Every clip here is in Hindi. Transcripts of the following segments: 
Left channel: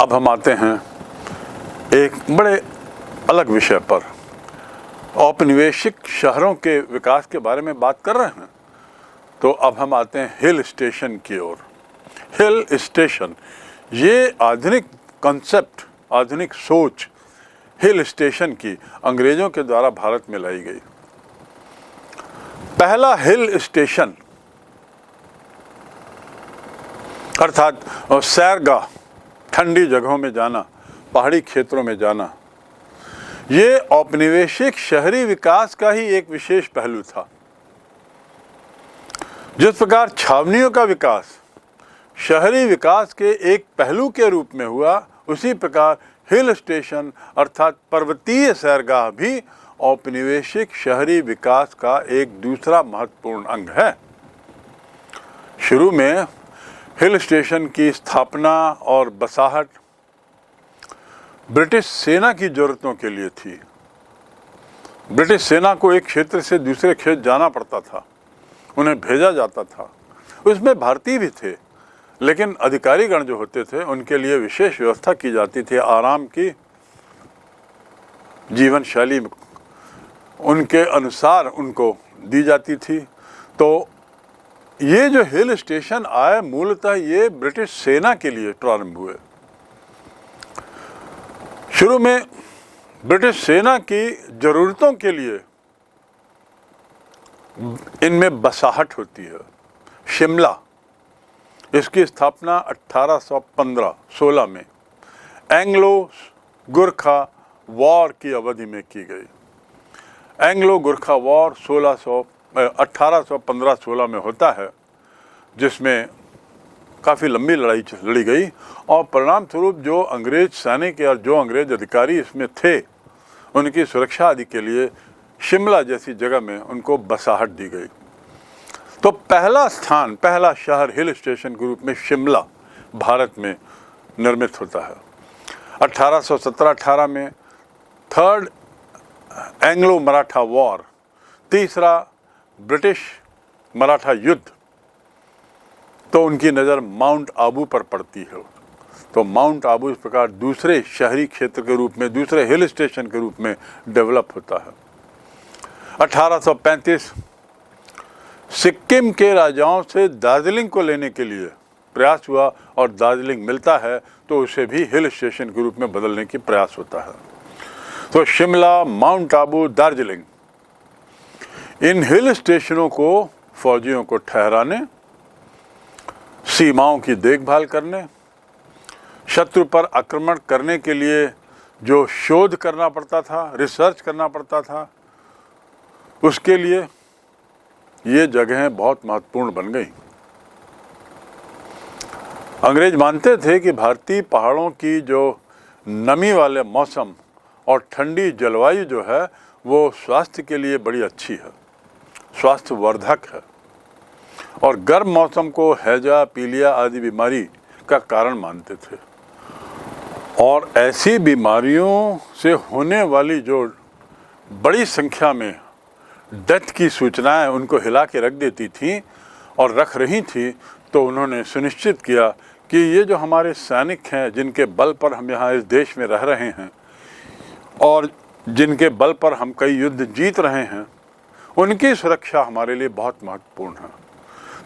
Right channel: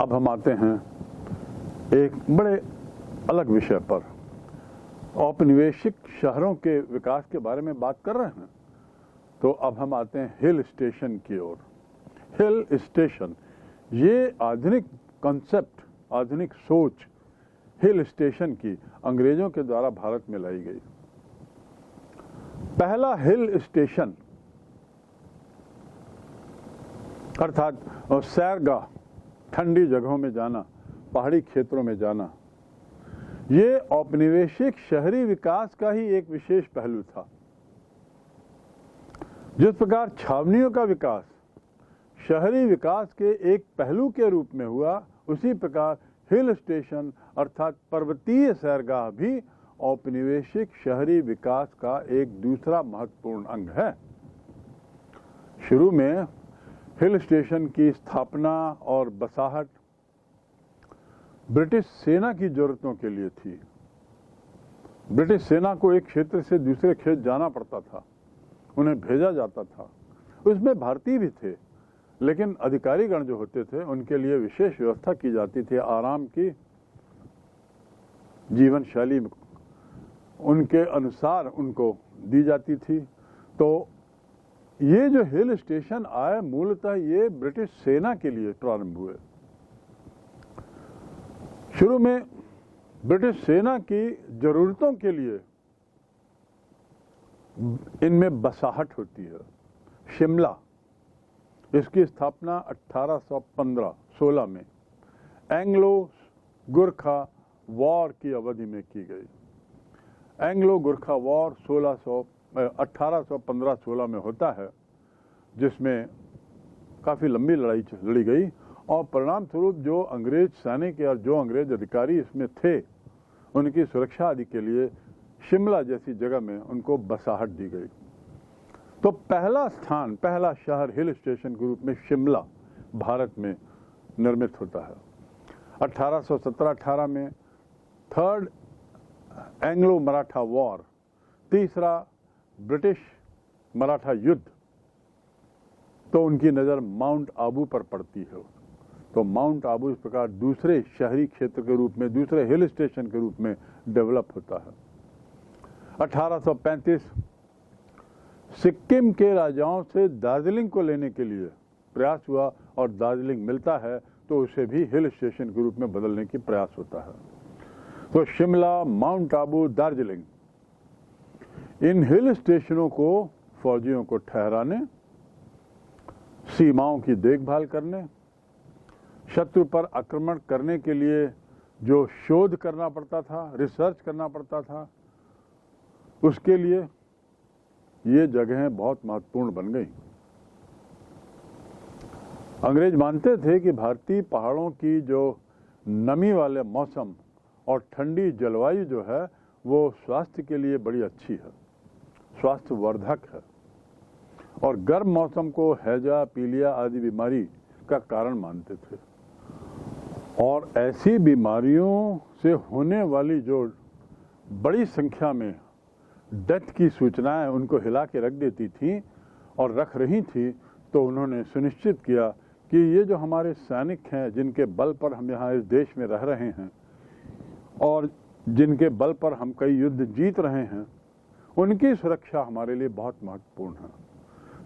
अब हम आते हैं एक बड़े अलग विषय पर। औपनिवेशिक शहरों के विकास के बारे में बात कर रहे हैं, तो अब हम आते हैं हिल स्टेशन की ओर। हिल स्टेशन, ये आधुनिक कॉन्सेप्ट, आधुनिक सोच हिल स्टेशन की अंग्रेजों के द्वारा भारत में लाई गई। पहला हिल स्टेशन अर्थात सैरगाह, ठंडी जगहों में जाना, पहाड़ी क्षेत्रों में जाना, ये औपनिवेशिक शहरी विकास का ही एक विशेष पहलू था। जिस प्रकार छावनियों का विकास शहरी विकास के एक पहलू के रूप में हुआ, उसी प्रकार हिल स्टेशन अर्थात पर्वतीय सैरगाह भी औपनिवेशिक शहरी विकास का एक दूसरा महत्वपूर्ण अंग है। शुरू में हिल स्टेशन की स्थापना और बसाहट ब्रिटिश सेना की जरूरतों के लिए थी। ब्रिटिश सेना को एक क्षेत्र से दूसरे क्षेत्र जाना पड़ता था, उन्हें भेजा जाता था। उसमें भारतीय भी थे, लेकिन अधिकारीगण जो होते थे उनके लिए विशेष व्यवस्था की जाती थी। आराम की जीवन शैली उनके अनुसार उनको दी जाती थी। तो ये जो हिल स्टेशन आए, मूलतः ये ब्रिटिश सेना के लिए प्रारंभ हुए। शुरू में ब्रिटिश सेना की जरूरतों के लिए इनमें बसाहट होती है। शिमला, इसकी स्थापना 1815-16 में एंग्लो गुरखा वॉर की अवधि में की गई। एंग्लो गुरखा वॉर 1815-16 में होता है, जिसमें काफ़ी लंबी लड़ाई लड़ी गई और परिणाम स्वरूप जो अंग्रेज सैनिक और जो अंग्रेज अधिकारी इसमें थे, उनकी सुरक्षा आदि के लिए शिमला जैसी जगह में उनको बसाहट दी गई। तो पहला स्थान, पहला शहर हिल स्टेशन के रूप में शिमला भारत में निर्मित होता है। 1817-18 में थर्ड एंग्लो मराठा वॉर, तीसरा ब्रिटिश मराठा युद्ध, तो उनकी नज़र माउंट आबू पर पड़ती है। तो माउंट आबू इस प्रकार दूसरे शहरी क्षेत्र के रूप में, दूसरे हिल स्टेशन के रूप में डेवलप होता है। 1835 सिक्किम के राजाओं से दार्जिलिंग को लेने के लिए प्रयास हुआ और दार्जिलिंग मिलता है, तो उसे भी हिल स्टेशन के रूप में बदलने की प्रयास होता है। तो शिमला, माउंट आबू, दार्जिलिंग, इन हिल स्टेशनों को फौजियों को ठहराने, सीमाओं की देखभाल करने, शत्रु पर आक्रमण करने के लिए जो शोध करना पड़ता था, रिसर्च करना पड़ता था, उसके लिए ये जगहें बहुत महत्वपूर्ण बन गई। अंग्रेज मानते थे कि भारतीय पहाड़ों की जो नमी वाले मौसम और ठंडी जलवायु जो है, वो स्वास्थ्य के लिए बड़ी अच्छी है, स्वास्थ्यवर्धक है, और गर्म मौसम को हैजा, पीलिया आदि बीमारी का कारण मानते थे। और ऐसी बीमारियों से होने वाली जो बड़ी संख्या में डेथ की सूचनाएं उनको हिला के रख देती थी और रख रही थी, तो उन्होंने सुनिश्चित किया कि ये जो हमारे सैनिक हैं, जिनके बल पर हम यहाँ इस देश में रह रहे हैं और जिनके बल पर हम कई युद्ध जीत रहे हैं, उनकी सुरक्षा हमारे लिए बहुत महत्वपूर्ण है।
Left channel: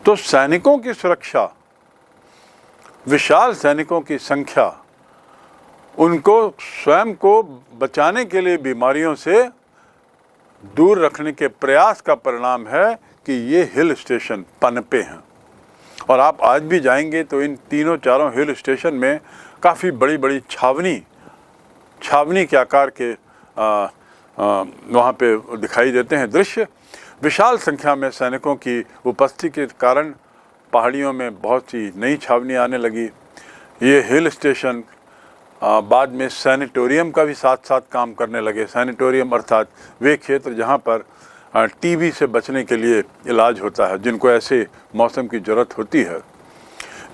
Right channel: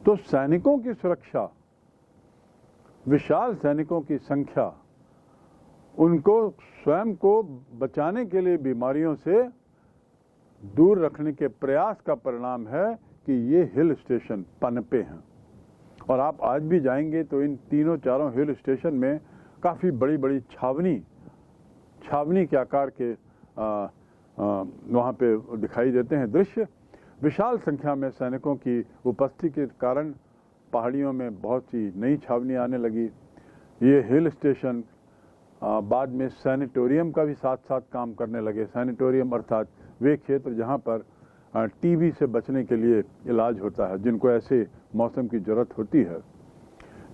तो सैनिकों की सुरक्षा, विशाल सैनिकों की संख्या, उनको स्वयं को बचाने के लिए बीमारियों से दूर रखने के प्रयास का परिणाम है कि ये हिल स्टेशन पनपे हैं। और आप आज भी जाएंगे तो इन तीनों चारों हिल स्टेशन में काफ़ी बड़ी बड़ी छावनी के आकार के वहाँ पे दिखाई देते हैं दृश्य। विशाल संख्या में सैनिकों की उपस्थिति के कारण पहाड़ियों में बहुत सी नई छावनी आने लगी। ये हिल स्टेशन बाद में सैनिटोरियम का भी साथ साथ काम करने लगे। सैनिटोरियम अर्थात वे क्षेत्र जहाँ पर टीबी से बचने के लिए इलाज होता है, जिनको ऐसे मौसम की ज़रूरत होती है,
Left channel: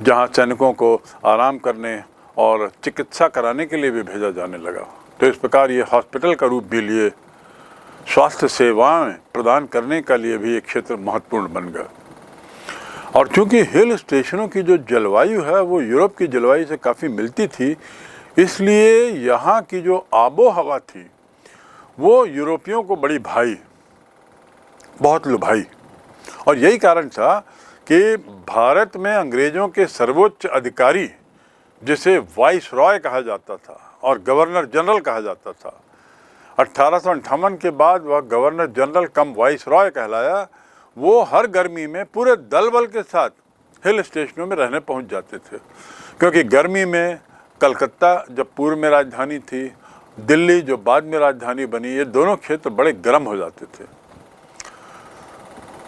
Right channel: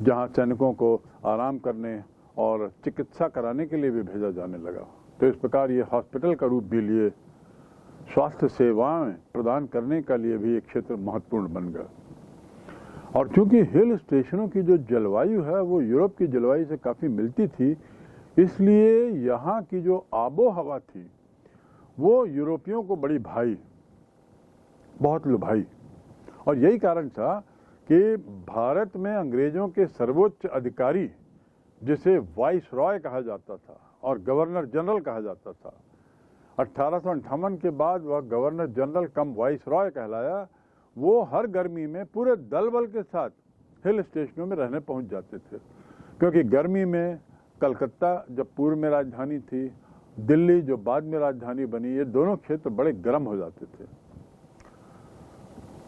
जहाँ सैनिकों को आराम करने और चिकित्सा कराने के लिए भी भेजा जाने लगा। तो इस प्रकार ये हॉस्पिटल का रूप भी लिए, स्वास्थ्य सेवाएं प्रदान करने के लिए भी एक क्षेत्र महत्वपूर्ण बन गया। और चूंकि हिल स्टेशनों की जो जलवायु है वो यूरोप की जलवायु से काफ़ी मिलती थी, इसलिए यहाँ की जो आबो हवा थी वो यूरोपियों को बड़ी भाई, बहुत लुभाई। और यही कारण था कि भारत में अंग्रेज़ों के सर्वोच्च अधिकारी, जिसे वाइस रॉय कहा जाता था और गवर्नर जनरल कहा जाता था, 1858 के बाद वह गवर्नर जनरल कम वाइस रॉय कहलाया, वो हर गर्मी में पूरे दल बल के साथ हिल स्टेशनों में रहने पहुंच जाते थे। क्योंकि गर्मी में कलकत्ता जब पूर्व में राजधानी थी, दिल्ली जो बाद में राजधानी बनी, ये दोनों क्षेत्र बड़े गर्म हो जाते थे।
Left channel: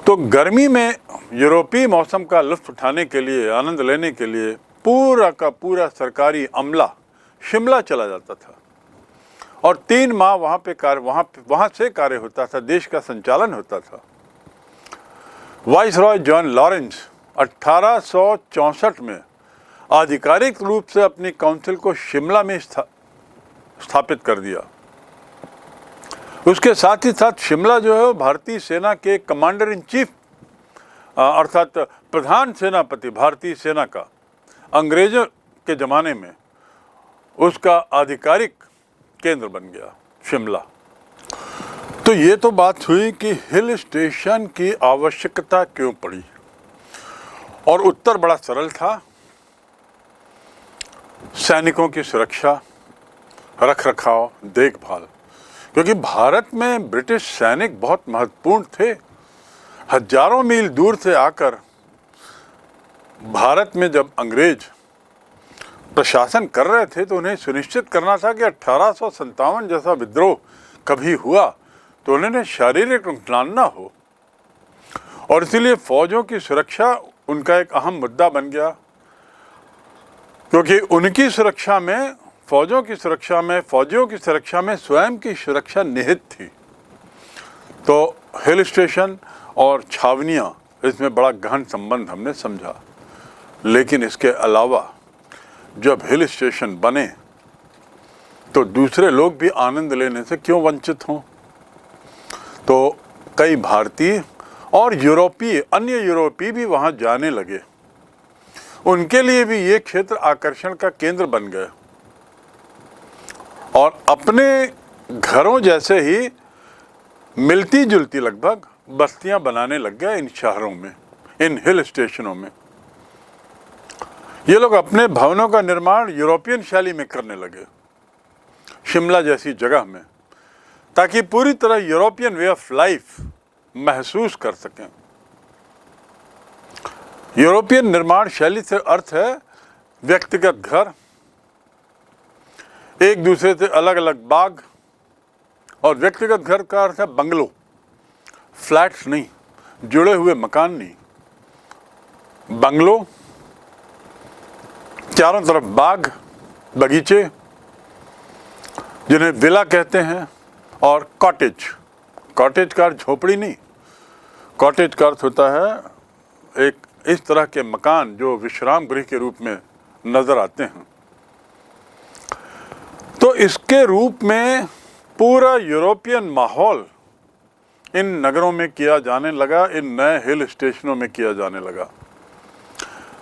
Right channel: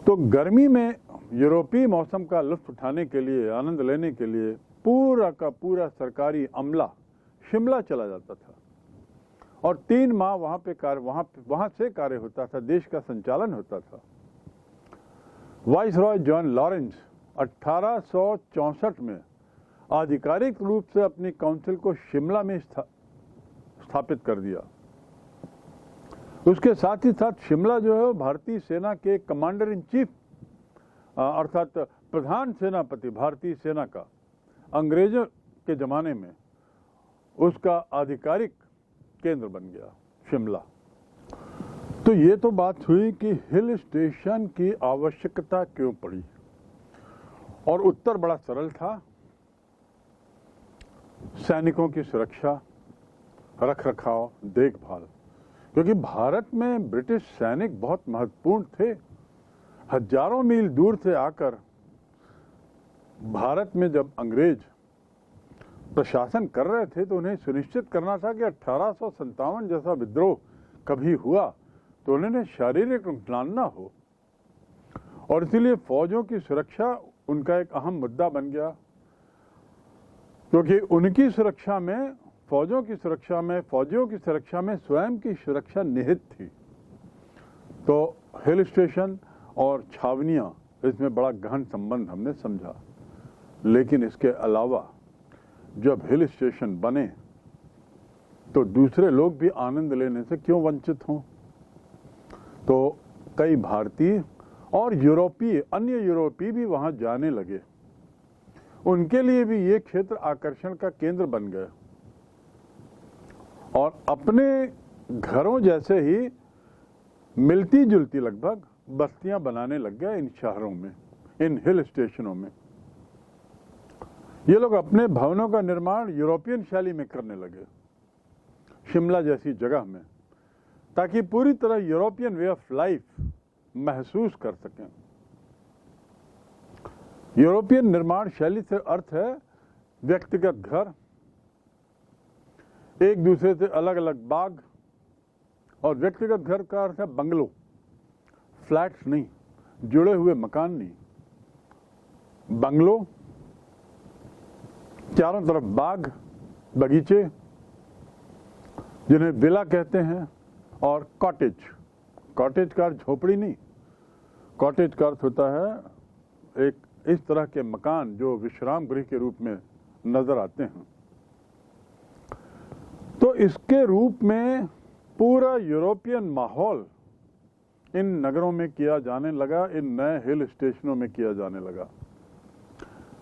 तो गर्मी में यूरोपीय मौसम का लुत्फ उठाने के लिए, आनंद लेने के लिए पूरा का पूरा सरकारी अमला शिमला चला जाता था और 3 माह वहाँ से कार्य होता था, देश का संचालन होता था। वाइसरॉय जॉन लॉरेंस 1864 में आधिकारिक रूप से अपनी काउंसिल को शिमला में स्थापित कर दिया। उसके साथ ही साथ शिमला जो है भारतीय सेना के कमांडर इन चीफ अर्थात प्रधान सेनापति भारतीय सेना का अंग्रेजों के ज़माने में उसका आधिकारिक केंद्र बन गया शिमला। तो ये तो बात हुई कि हिल स्टेशन की आवश्यकता क्यों पड़ी, और उत्तर बड़ा सरल था। सैनिकों की सुरक्षा, रख रखाव, देखभाल। क्योंकि भारत में ब्रिटिश सैनिक बहुत महत्वपूर्ण थे। हजारों मील दूर से आकर भारत में जब अंग्रेज प्रशासन कर रहे थे तो उन्हें सुनिश्चित करना था कि 1857 जैसा विद्रोह कभी हुआ तो उन्हें शारीरिक नुकसान ना हो, और इसीलिए फौजों की सुरक्षा उनका एक अहम मुद्दा बन गया। क्योंकि उनकी सुरक्षा में, फौजियों की सुरक्षा में स्वयं की सुरक्षा निहित थी। तो हिल स्टेशन और छावनियाँ, इसमें बड़ा गहन संबंध हमने समझा। लेकिन इसके अलावा जब हिल स्टेशन बने तो दूसरे लोग भी आनंद लेने से क्यों वंचित हों। तो कई भारतीय और अन्य यूरोपीय भी वहाँ जाने लगे। उनके लिए भी ये क्षेत्र आकर्षण का केंद्र बन गए और अपने घरों जैसे ही मिलती जुलती लगभग बस्तियां बनाने लग गए इन शहरों में, इन हिल स्टेशनों में। ये लोग अपने भवनों का निर्माण यूरोपियन शैली में करने लगे, शिमला जैसी जगह में, ताकि पूरी तरह यूरोपियन वे ऑफ लाइफ महसूस कर सकें। यूरोपियन निर्माण शैली से अर्थ है व्यक्तिगत घर, एक दूसरे से अलग अलग बाग, और व्यक्तिगत घर का अर्थ है बंगलो, फ्लैट्स नहीं, जुड़े हुए मकान नहीं, बंगलो, चारों तरफ बाग बगीचे जिन्हें विला कहते हैं, और कॉटेज का अर्थ झोपड़ी नहीं, कॉटेज का अर्थ होता है एक इस तरह के मकान जो विश्राम गृह के रूप में नजर आते हैं। तो इसके रूप में पूरा यूरोपियन माहौल इन नगरों में किया जाने लगा, इन नए हिल स्टेशनों में किया जाने लगा।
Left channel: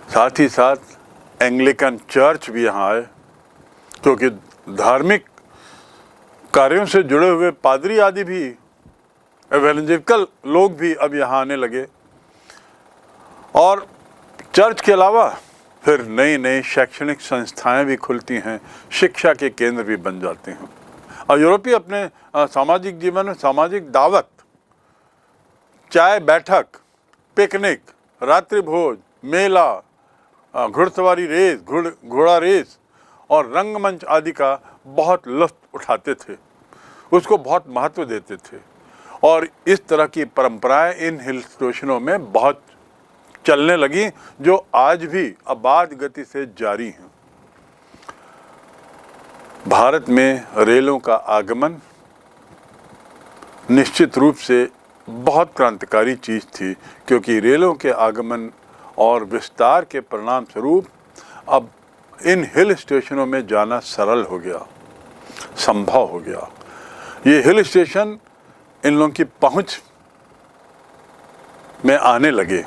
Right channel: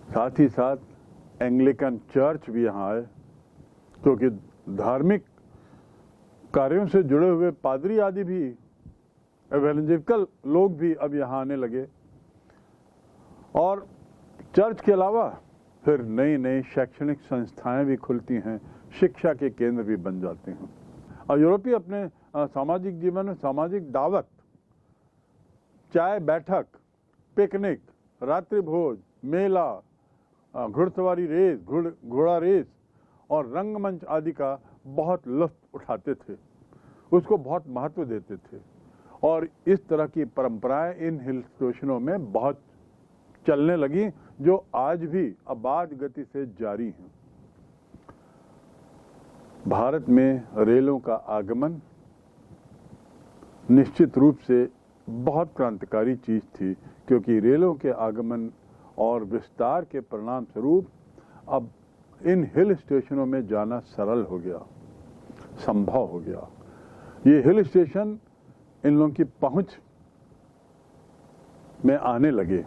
साथ ही साथ एंग्लिकन चर्च भी यहाँ आए, क्योंकि धार्मिक कार्यों से जुड़े हुए पादरी आदि भी, एवेंजेलिकल लोग भी अब यहाँ आने लगे। और चर्च के अलावा फिर नई नई शैक्षणिक संस्थाएं भी खुलती हैं, शिक्षा के केंद्र भी बन जाते हैं। और यूरोपीय अपने सामाजिक जीवन में सामाजिक दावत, चाय बैठक, पिकनिक, रात्रि भोज, मेला, घुड़सवारी रेस, घोड़ा रेस और रंगमंच आदि का बहुत लुत्फ उठाते थे, उसको बहुत महत्व देते थे। और इस तरह की परंपराएं इन हिल स्टेशनों में बहुत चलने लगी, जो आज भी अबाध गति से जारी हैं। भारत में रेलों का आगमन निश्चित रूप से बहुत क्रांतिकारी चीज़ थी, क्योंकि रेलों के आगमन और विस्तार के परिणाम स्वरूप अब इन हिल स्टेशनों में जाना सरल हो गया, संभव हो गया। ये हिल स्टेशन इन लोगों की पहुंच में आने लगे।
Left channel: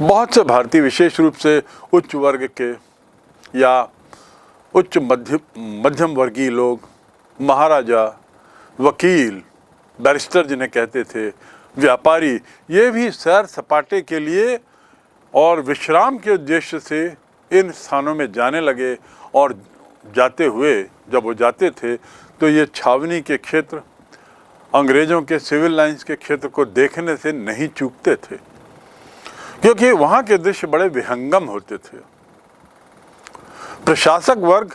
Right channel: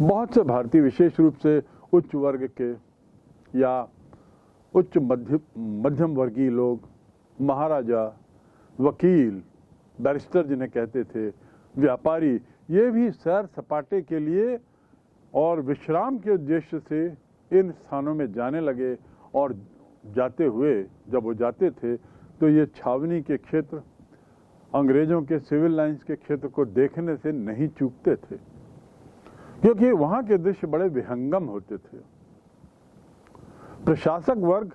बहुत से भारतीय विशेष रूप से उच्च वर्ग के या उच्च मध्यम वर्गीय लोग, महाराजा, वकील, बैरिस्टर जिन्हें कहते थे, व्यापारी, ये भी सैर सपाटे के लिए और विश्राम के उद्देश्य से इन स्थानों में जाने लगे। और जाते हुए जब वो जाते थे तो ये छावनी के क्षेत्र, अंग्रेज़ों के सिविल लाइंस के क्षेत्र को देखने से नहीं चूकते थे, क्योंकि वहाँ के दृश्य बड़े विहंगम होते थे। प्रशासक वर्ग,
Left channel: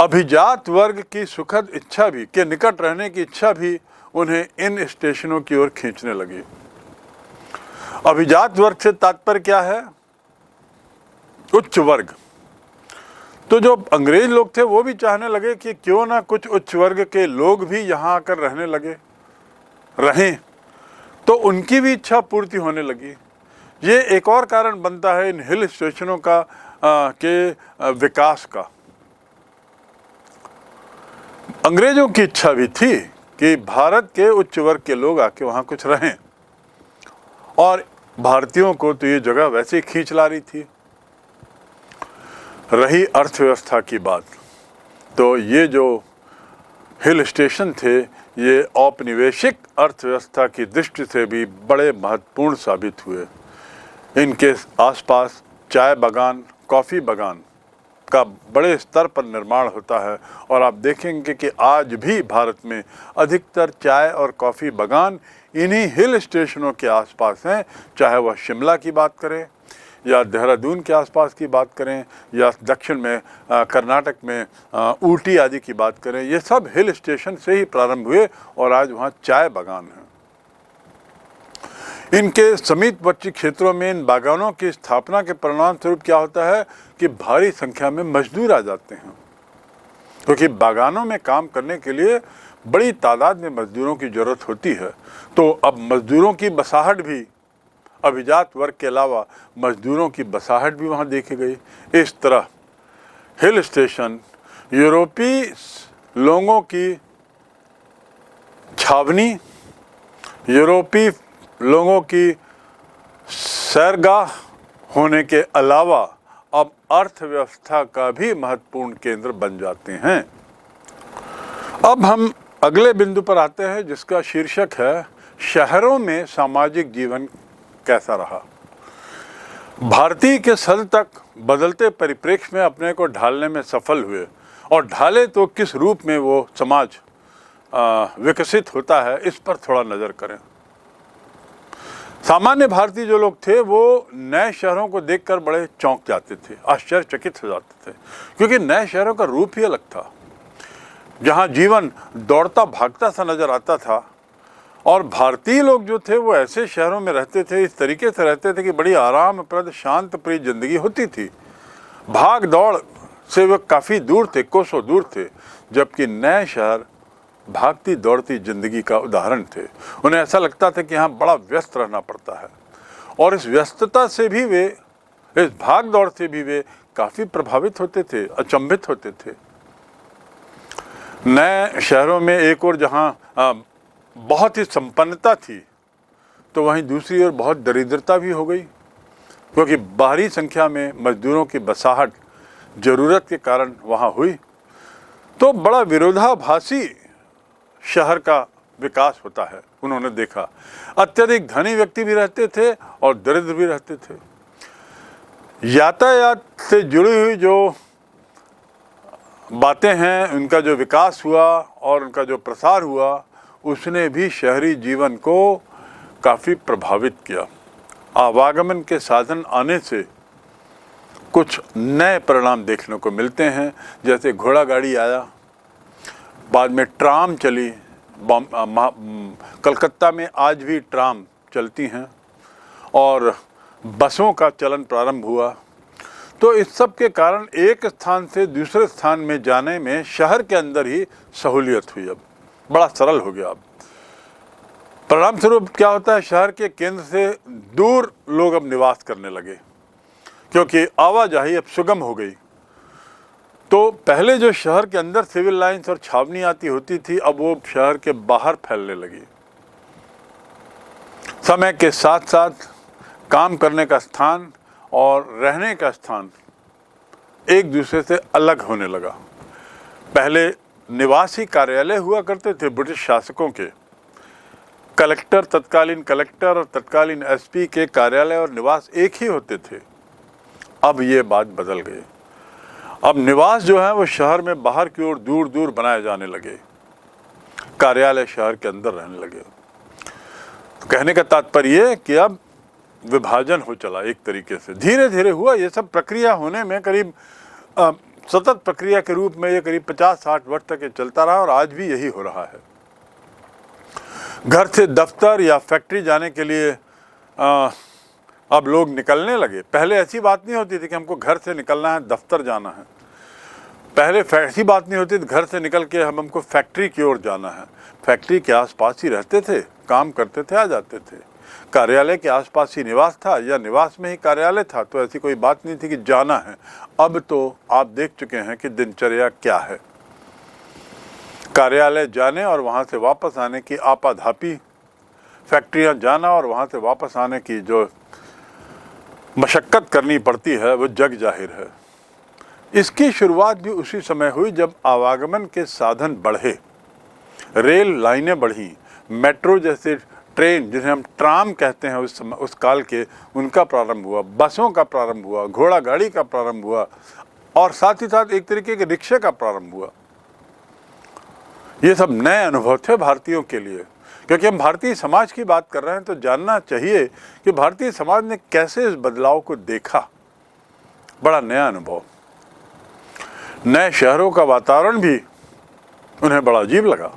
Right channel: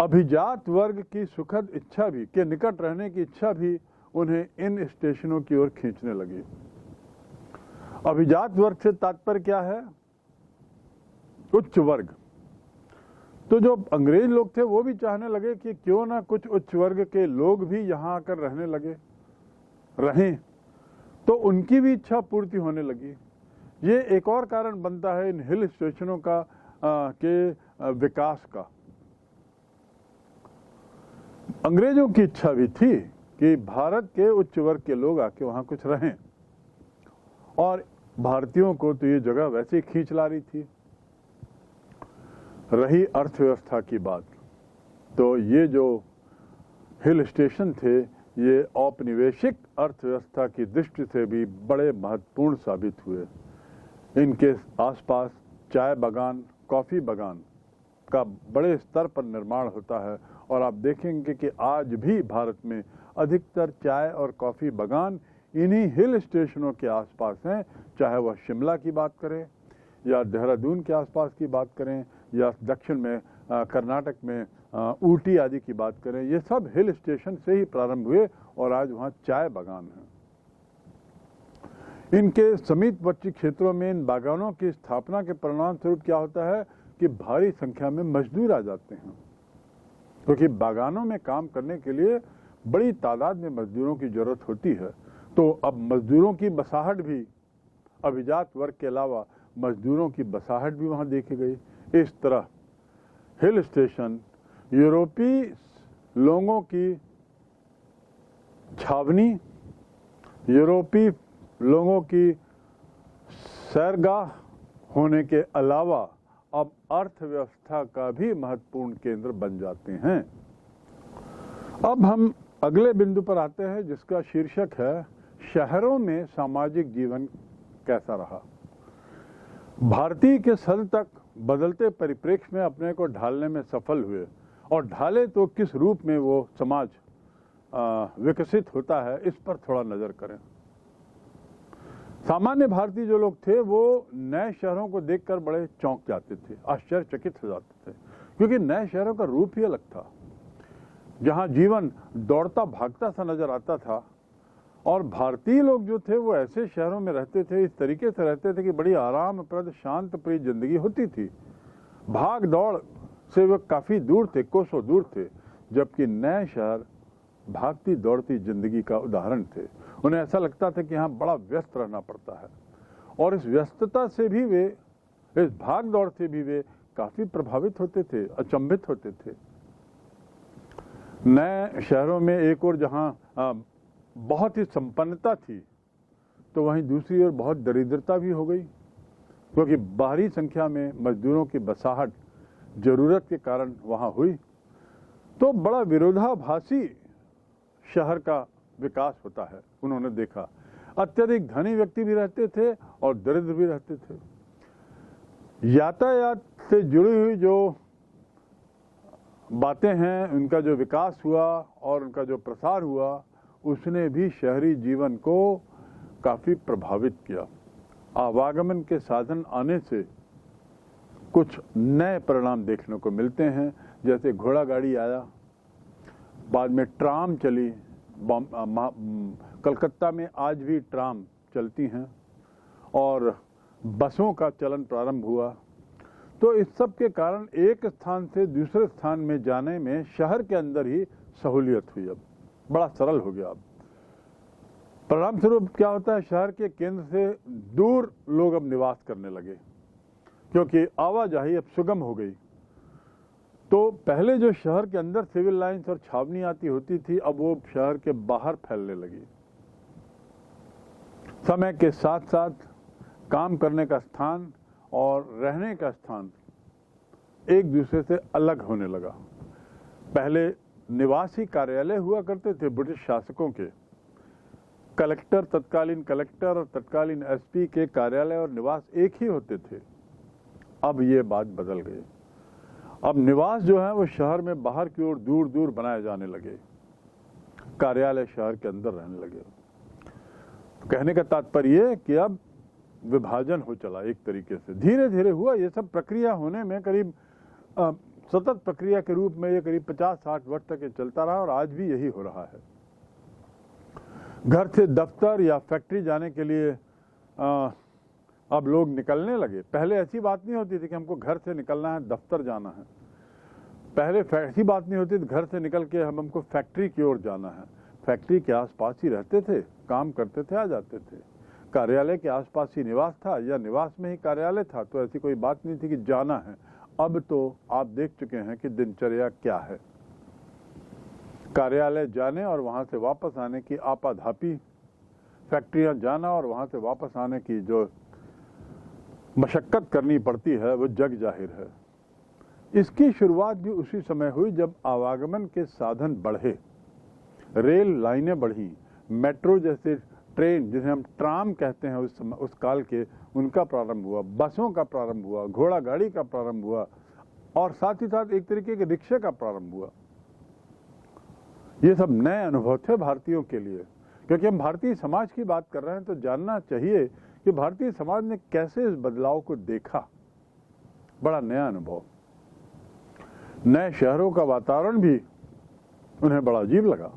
अभिजात वर्ग की सुखद इच्छा भी, के निकट रहने की इच्छा भी उन्हें इन स्टेशनों की ओर खींचने लगी। अभिजात वर्ग से तात्पर्य क्या है? उच्च वर्ग। तो जो अंग्रेज लोग थे वो भी चाहने लगे कि क्यों ना कुछ उच्च वर्ग के लोग भी यहाँ आकर रहने लगे, रहें, तो उनकी भी इच्छा पूर्ति होने लगी। ये एक और कारण बनता है इन हिल स्टेशनों का के विकास का। अंग्रेजों की इच्छा भी थी कि भारत के उच्च वर्ग के लोग आके वहाँ कुछ रहें, और भारतीयों को तो ये जगह वैसे ही खींच ला रही थी। रही अर्थव्यवस्था की बात, तो ये जो हिल स्टेशन थे ये औपनिवेशिक अर्थव्यवस्था की दृष्टि से भी बड़े महत्वपूर्ण साबित हुए। इनके आसपास चाय बागान, कॉफ़ी बागान का बड़े स्तर पर निर्माण होता है, और आप देखेंगे कि आज भी भारत में अधिकतर चाय और कॉफ़ी बागान इन्हीं हिल स्टेशनों के आसपास हैं। चाहे वह शिमला की बात करें या देहरादून के आसपास की बात करें या दक्षिण में कर्नाटक में ऊटी आदि की बात करें, ये सब हिल स्टेशन से ही प्रारंभ हुए और आज वहाँ चाय बागान हैं। इनके समीपवर्ती क्षेत्रों में इन बागानों की स्थापना के परिणाम स्वरूप क्या होता है कि भारी संख्या में मजदूर आ जाते हैं, क्योंकि बागानों में काम करने के लिए बड़ी तादाद में मजदूरों की ज़रूरत होती है। तो अब मजदूरों की बसाहट भी, अभिजात वर्ग के अलावा मजदूरों की बसाहट भी वहाँ देखी गई। इस तरह हिल स्टेशन यूरोपीय लोगों की छावनी, यूरोपीय लोगों की सैरगाह होने के अलावा अब अर्थव्यवस्था का भी महत्वपूर्ण केंद्र बन जाते हैं। अब हम अगले बिंदु पर आते हैं, जिसका शीर्षक है शहरों में सामाजिक जीवन कैसा रहा। भारतीय के सद तक बदलते परिप्रेक्ष्य में अपने को ढालने में सफल हुए, और ढाले तो किस रूप में वो समाज विकसित होता है, इस पर थोड़ा नज़र करें। सामान्य भारतीय जो लोग थे वो नए शहरों को देखकर बड़े चौंक जाते थे, आश्चर्यचकित हो जाते थे, क्योंकि नए शहरों का रूप ही अलग था, जहाँ जीवन दौड़ता भागता सा नजर आता था। और भारतीय लोग जो थे वो ऐसे शहरों में रहते थे, इस तरीके से रहते थे कि बड़ी आरामप्रद शांत प्रिय जिंदगी होती थी। भाग दौड़ से वे काफ़ी दूर थे, कोसों दूर थे, जबकि नए शहर भागती दौड़ती जिंदगी का उदाहरण थे। उन्हें ऐसा लगता था कि यहाँ बड़ा व्यस्त रहना पड़ता है, और इस व्यस्तता से भी वे, इस भाग दौड़ से भी वे काफ़ी प्रभावित होते थे, अचंभित होते थे। नए शहरों में एक और जहाँ बहुत ही संपन्नता थी, तो वहीं दूसरी ओर बहुत दरिद्रता भी हो गई, क्योंकि बाहरी संख्या में मजदूरों की बसाहट ज़रूरत के कारण वहाँ हुई। तो बड़ा विरोधाभासी शहर का विकास होता है, उन्होंने देखा। अत्यधिक धनी व्यक्ति भी रहते थे और दरिद्र भी रहते थे। यातायात से जुड़ी हुई जो बातें हैं, उनका जो विकास हुआ और उनका जो प्रसार हुआ, उसने भी शहरी जीवन को काफ़ी प्रभावित किया। आवागमन के साधन आने से कुछ नए परिणाम देखने को मिलते हैं, जैसे घोड़ा गाड़ी आया, बाद में ट्राम चली। कलकत्ता में आज भी ट्राम चलती हैं, और बसों का चलन प्रारंभ हुआ। तो इस सब के कारण एक स्थान से दूसरे स्थान में जाने में शहर के अंदर ही सहूलियत हुई, अब बड़ा सरल हो गया। अब परिणाम स्वरूप क्या होता है, शहर के केंद्र से दूर लोग अब निवास करने लगे, क्योंकि आवाजाही अब सुगम हो गई। तो पहले जो शहर के अंदर सिविल लाइंस और छावनी आती होती थी, अब वो शहर के बाहर फैलने लगी। समय के साथ साथ काम करने का स्थान और रहने का स्थान एक दूसरे से अलग होने लगा। पहले निवासी कार्यालय हुआ करते थे ब्रिटिश शासकों के, कलेक्टर, तत्कालीन कलेक्टर और तत्कालीन एसपी के कार्यालय और निवास एक ही होते थे। अब ये बात बदल गई। अब निवास जो है वो शहर में बाहर की ओर दूर दूर बनाए जाने लगे, कार्यालय शहर के अंदर रहने लगे। तो कहने का तात्पर्य ये कि अब विभाजन हो चला एक तरीके से, धीरे धीरे हुआ। ये सब प्रक्रिया होने में करीब सतत प्रक्रिया के रूप में ये करीब 50-60 वर्ष तक ये चलता रहा और आज भी यही हो रहा है। घर से दफ्तर या फैक्ट्री जाने के लिए अब लोग निकलने लगे। पहले ऐसी बात नहीं होती थी कि हमको घर से निकलना है, दफ्तर जाना है। पहले ऐसी बात नहीं होती थी घर से निकल के हमको फैक्ट्री की ओर जाना है। फैक्ट्री के आसपास ही रहते थे, काम करते थे, आ जाते थे। कार्यालय के आसपास ही निवास था या निवास में ही कार्यालय था, तो ऐसी कोई बात नहीं थी कि जाना है। अब तो आप देख चुके हैं कि दिनचर्या क्या है। कार्यालय जाने और वहाँ से वापस आने की आपाधापी, फैक्ट्रियाँ जाना और वहाँ से वापस आने की जो मशक्क़त करनी पड़ती है वो जग जाहिर है। इसकी शुरुआत भी उसी समय हुई जब आवागमन के साधन बढ़े, रेल लाइनें बढ़ी, मेट्रो जैसे ट्रेन जिन्हें हम ट्राम कहते हैं उस काल के, उनका प्रारंभ हुआ, बसों का प्रारंभ हुआ, घोड़ा गाड़ी का प्रारंभ हुआ और साथ ही साथ एक तरीके के रिक्शे का प्रारंभ हुआ। ये सब नए अनुभव थे भारतीयों के लिए। क्योंकि हम भारतीय समाज की बात कर रहे हैं तो जानना चाहिए कि भारतीय समाज ने कैसे इस बदलाव को देखा। बड़ा नया अनुभव, नए शहरों का वातावरण भी उन्हें बड़ा अजीब लगा,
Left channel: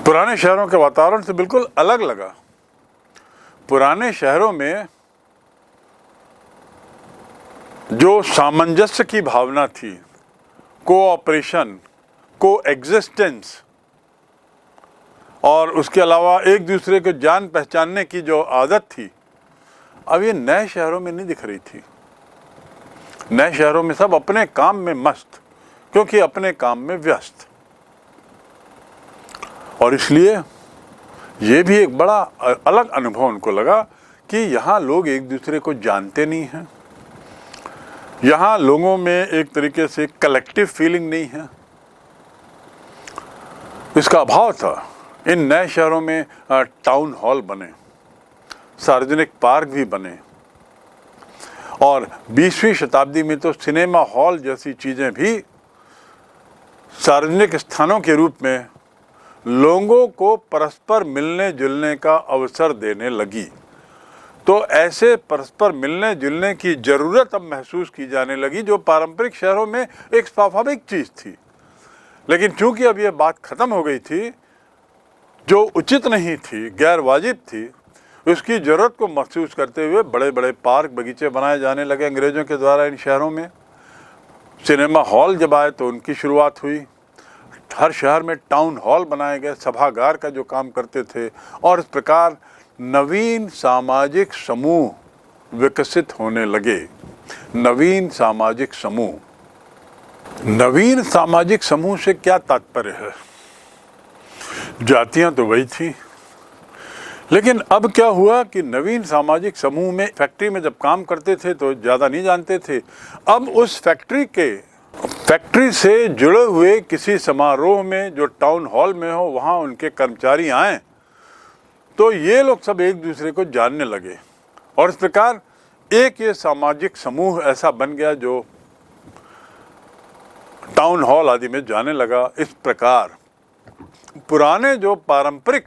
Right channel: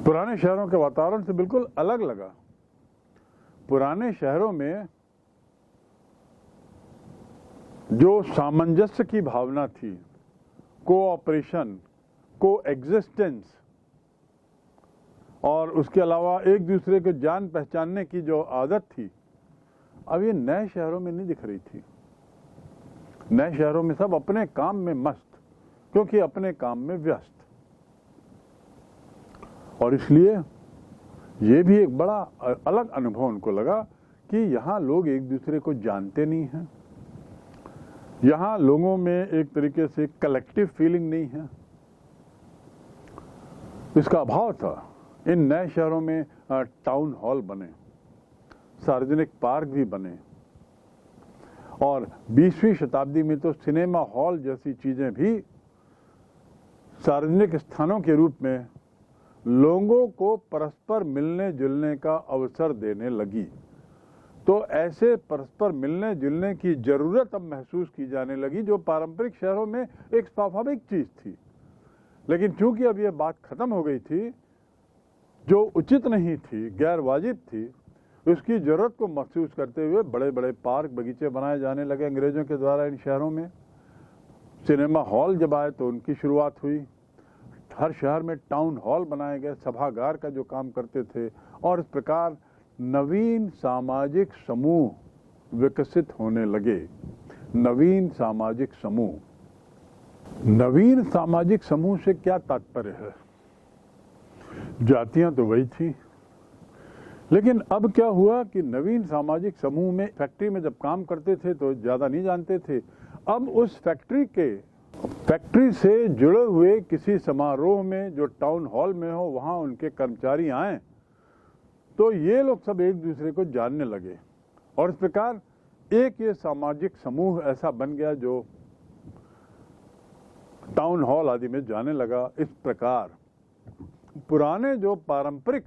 पुराने शहरों के वातावरण से बिल्कुल अलग लगा। पुराने शहरों में जो सामंजस्य की भावना थी, कोऑपरेशन, कोएग्जिस्टेंस और उसके अलावा एक दूसरे को जान पहचानने की जो आदत थी, अब ये नए शहरों में नहीं दिख रही थी। नए शहरों में सब अपने काम में मस्त, क्योंकि अपने काम में व्यस्त। और इसलिए ये भी एक बड़ा अलग अनुभव उनको लगा कि यहाँ लोग एक दूसरे को जानते नहीं हैं, यहाँ लोगों में एक तरीके से कलेक्टिव फीलिंग नहीं है, इसका अभाव था। इन नए शहरों में टाउन हॉल बने, सार्वजनिक पार्क भी बने और 20वीं शताब्दी में तो सिनेमा हॉल जैसी चीज़ें भी सार्वजनिक स्थानों के रूप में लोगों को परस्पर मिलने जुलने का अवसर देने लगी। तो ऐसे परस्पर मिलने जुलने की ज़रूरत अब महसूस की जाने लगी, जो पारंपरिक शहरों में एक स्वाभाविक चीज़ थी। लेकिन चूंकि अब ये बात ख़त्म हो गई थी, जो उचित नहीं थी, गैर वाजिब थी, उसकी ज़रूरत को महसूस करते हुए बड़े बड़े पार्क, बगीचे बनाए जाने लगे अंग्रेज़ों के द्वारा इन शहरों में। सिनेमा हॉल जब आए तो उनकी शुरुआत हुई। हर शहर में टाउन हॉल बनाए गए, सभागार का जो काम करते थे। और इस प्रकार नवीन सामाजिक समूह विकसित होने लगे। नवीन सामाजिक समूह, नवीन सामाजिक समूह से क्या तात्पर्य है? जातियां तो वही थी, लेकिन अब क्या हुआ कि नवीन सामाजिक समूह में फैक्ट्री में जब काम करते थे तो ज़्यादा नहीं जानते थे। अब उस फैक्ट्री से जुड़े हुए किसी समारोह में जो टाउन हॉल में हो, वहाँ उनके कर्मचारी आएँ तो ये लोग सब एक दूसरे को जानने लगे और इस प्रकार एक ये सामाजिक समूह ऐसा बन गया जो टाउन हॉल आदि में जाने लगा। इस प्रकार पुराने जो पारंपरिक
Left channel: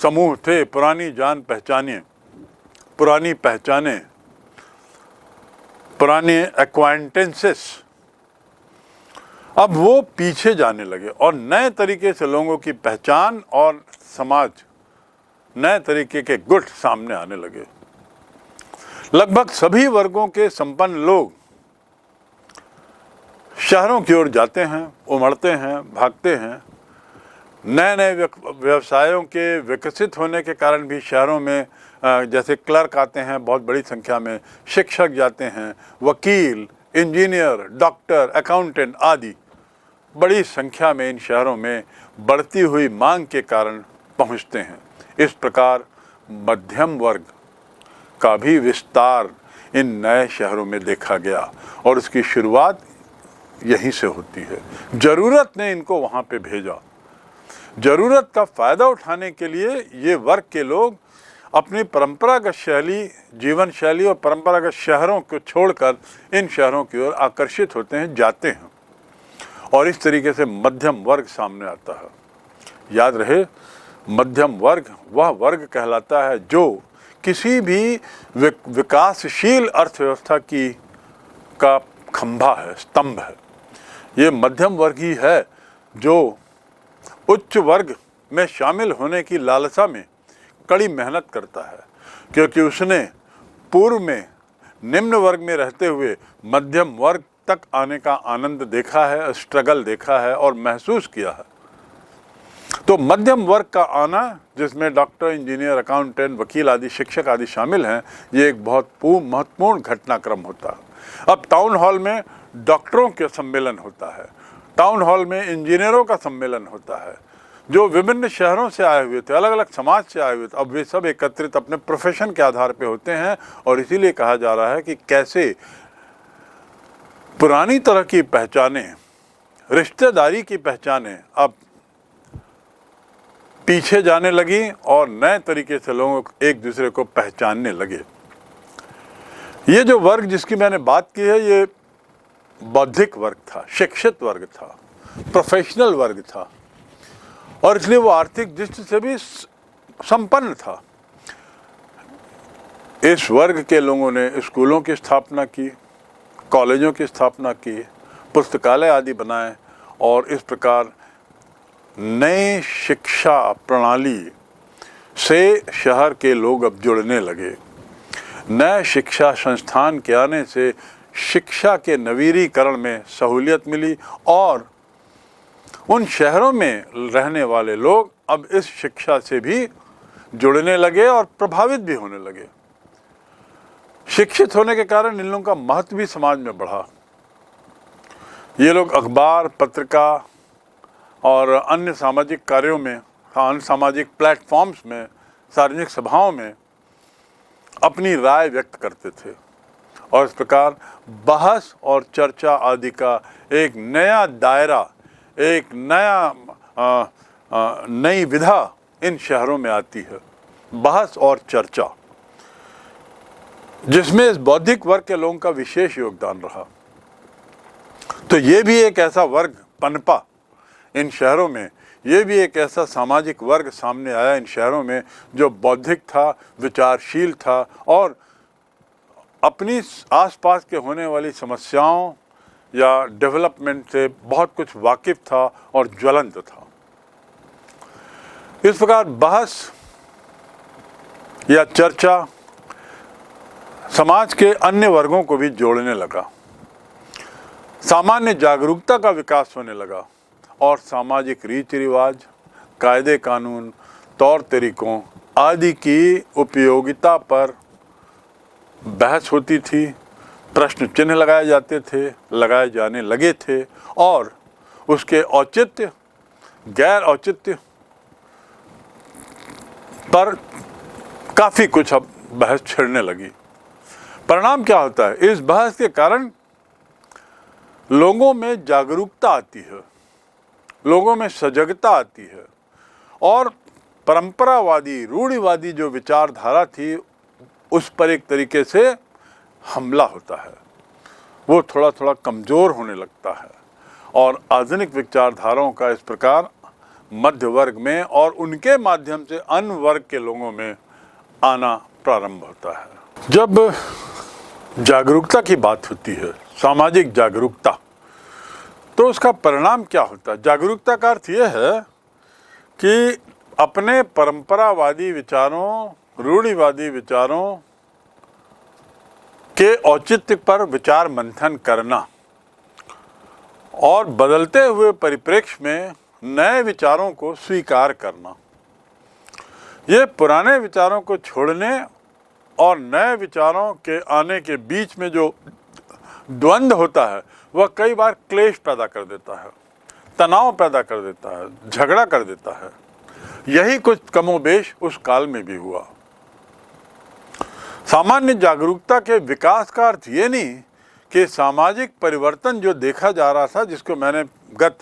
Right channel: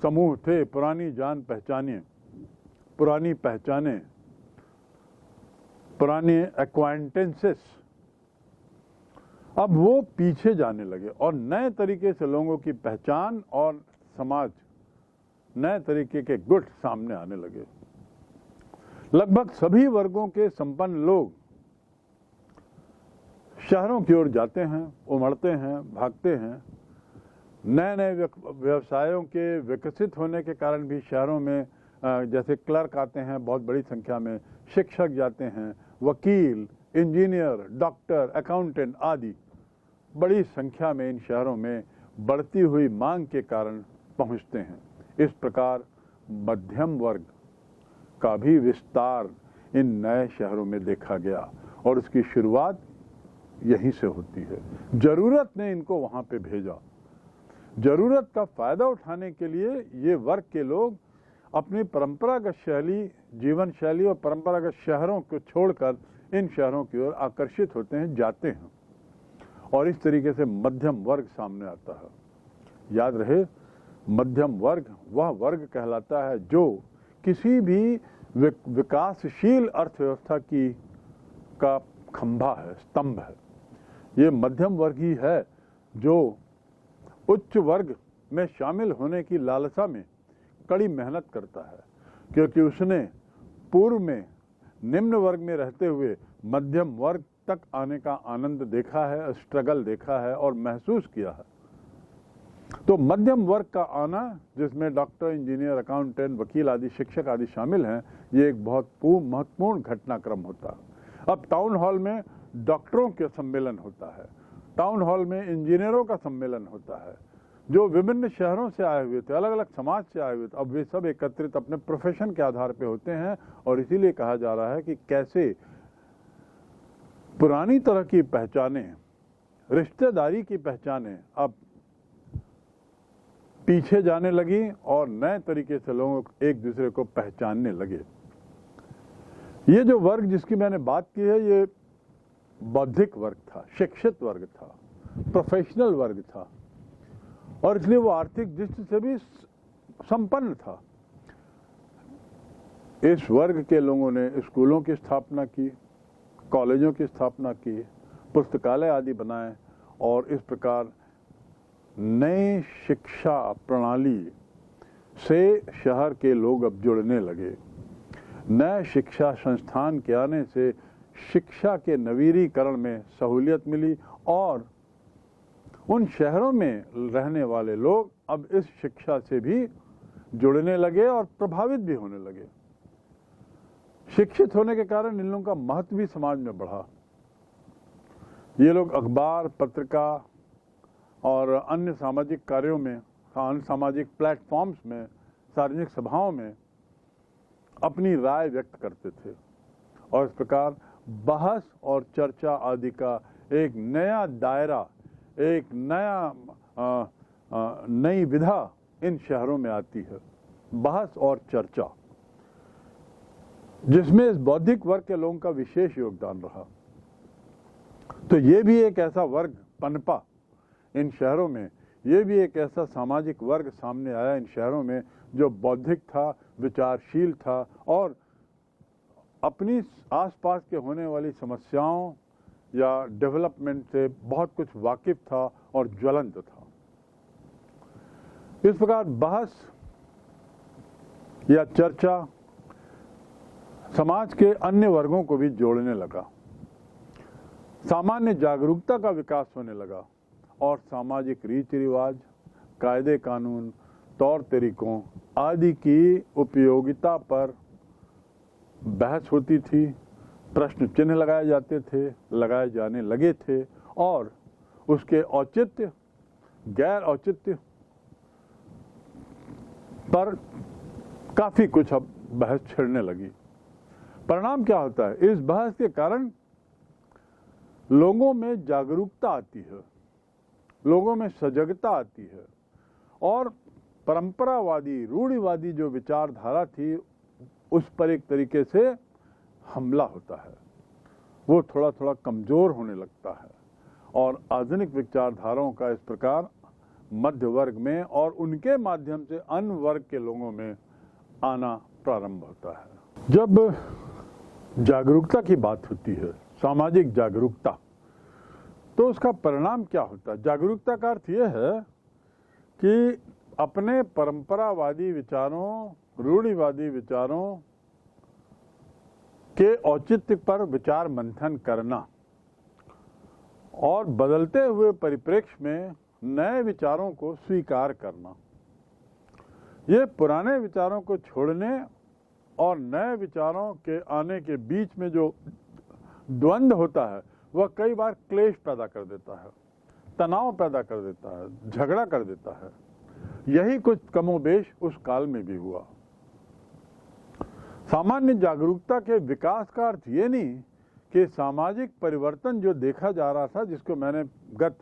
समूह थे, पुरानी जान पहचाने, पुरानी पहचाने, पुराने एक्वाइंटेंसेस, अब वो पीछे जाने लगे और नए तरीके से लोगों की पहचान और समाज, नए तरीके के गुट सामने आने लगे। लगभग सभी वर्गों के संपन्न लोग शहरों की ओर जाते हैं, उमड़ते हैं, भागते हैं। नए नए व्यवसायों के विकसित होने के कारण भी शहरों में जैसे क्लर्क आते हैं बहुत बड़ी संख्या में, शिक्षक जाते हैं, वकील, इंजीनियर, डॉक्टर, अकाउंटेंट आदि बड़ी संख्या में इन शहरों में बढ़ती हुई मांग के कारण पहुंचते हैं। इस प्रकार मध्यम वर्ग का भी विस्तार इन नए शहरों में देखा गया और इसकी शुरुआत यहीं से होती है। ज़रूरत ने इनको वहाँ पे भेजा। ज़रूरत का फ़ायदा उठाने के लिए ये वर्ग के लोग अपनी परंपरागत जीवन शैली और परंपरागत शहरों को छोड़कर इन शहरों की ओर आकर्षित होते हैं, जाते हैं, और इस तरीके से मध्यम वर्ग सामने आता है। याद रहे, मध्यम वर्ग वह वर्ग कहलाता है जो किसी भी विकासशील अर्थव्यवस्था का खंभा है, स्तंभ है। ये मध्यम वर्ग ही है जो उच्च वर्ग में शामिल होने की लालसा में कड़ी मेहनत करता है, क्योंकि उसने पूर्व में निम्न वर्ग में रहते हुए मध्यम वर्ग तक आने का आनंद देखा है, स्ट्रगल देखा है और महसूस किया है। तो मध्यम वर्ग का आना, जिसमें डॉक्टर, इंजीनियर, अकाउंटेंट, वकील आदि, शिक्षक आदि शामिल हैं, ये एक बहुत महत्वपूर्ण घटनाक्रम होता है। अब टाउन हॉल में डॉक्टरों के सम्मेलन होता है, टाउन हॉल में इंजीनियरों का सम्मेलन होता है, जो विभिन्न शहरों से आए हुए थे, अलग अलग समाज से आए हुए थे। अब वे सब एकत्रित अपने प्रोफेशन के आधार पे होते हैं और इसीलिए कहा जा रहा है कि कैसे पुरानी तरह की पहचानें, रिश्तेदारी की पहचानें अब पीछे जाने लगी और नए तरीके से लोग एक दूसरे को पहचानने लगे। ये जो वर्ग जिसकी मैंने बात की है, ये बौद्धिक वर्ग था, शिक्षित वर्ग था, प्रोफेशनल वर्ग था और इसलिए वो आर्थिक दृष्टि से भी संपन्न था। इस वर्ग के लोगों ने स्कूलों की स्थापना की, कॉलेजों की स्थापना की, पुस्तकालय आदि बनाए और इस प्रकार नए शिक्षा प्रणाली से शहर के लोग अब जुड़ने लगे। नए शिक्षा संस्थान के आने से शिक्षा के नवीनीकरण में सहूलियत मिली और उन शहरों में रहने वाले लोग अब इस शिक्षा से भी जुड़ने लगे और प्रभावित भी होने लगे। शिक्षित होने के कारण इन लोगों का महत्व भी समाज में बढ़ा। ये लोग अखबार, पत्रिका और अन्य सामाजिक कार्यों में, अन्य सामाजिक प्लेटफॉर्म्स में, सार्वजनिक सभाओं में अपनी राय व्यक्त करते थे और इस प्रकार बहस और चर्चा आदि का एक नया दायरा, एक नई विधा इन शहरों में आती है, बहस और चर्चा, जिसमें इस बौद्धिक वर्ग के लोगों का विशेष योगदान रहा। तो ये भी एक ऐसा वर्ग पनपा इन शहरों में, ये भी एक ऐसा सामाजिक वर्ग सामने आया इन शहरों में जो बौद्धिक था, विचारशील था और अपनी आसपास के होने वाली समस्याओं या डेवलपमेंट से बहुत कुछ वाकिफ था और ज्वलंत था। इस प्रकार बहस या चर्चा समाज के अन्य वर्गों को भी जोड़ने लगा, सामान्य जागरूकता का विकास होने लगा और सामाजिक रीति रिवाज, कायदे कानून, तौर तरीकों आदि की उपयोगिता पर बहस होती थी, प्रश्न चिन्ह लगाए जाते थे, लगाए जाने लगे थे और उसके औचित्य, गैर औचित्य पर काफ़ी कुछ अब बहस छिड़ने लगी। परिणाम क्या होता है? इस बहस के कारण लोगों में जागरूकता आती है, लोगों में सजगता आती है और परंपरावादी, रूढ़िवादी जो विचारधारा थी उस पर एक तरीके से हमला होता है, वो थोड़ा थोड़ा कमज़ोर होने लगता है और आधुनिक विचारधाराओं का इस प्रकार मध्य वर्ग में और उनके माध्यम से अन्य वर्ग के लोगों में आना प्रारंभ होता है। जब जागरूकता की बात होती है, सामाजिक जागरूकता, तो उसका परिणाम क्या होता है? जागरूकता का अर्थ यह है कि अपने परंपरावादी विचारों, रूढ़िवादी विचारों के औचित्य पर विचार मंथन करना और बदलते हुए परिप्रेक्ष्य में नए विचारों को स्वीकार करना। ये पुराने विचारों को छोड़ने और नए विचारों के आने के बीच में जो द्वंद्व होता है वह कई बार क्लेश पैदा कर देता है, तनाव पैदा कर देता है, झगड़ा कर देता है। यही कुछ कमोबेश उस काल में भी हुआ। सामान्य जागरूकता के विकास का अर्थ ये नहीं कि सामाजिक परिवर्तन जो देखा जा रहा था, जिसको मैंने गत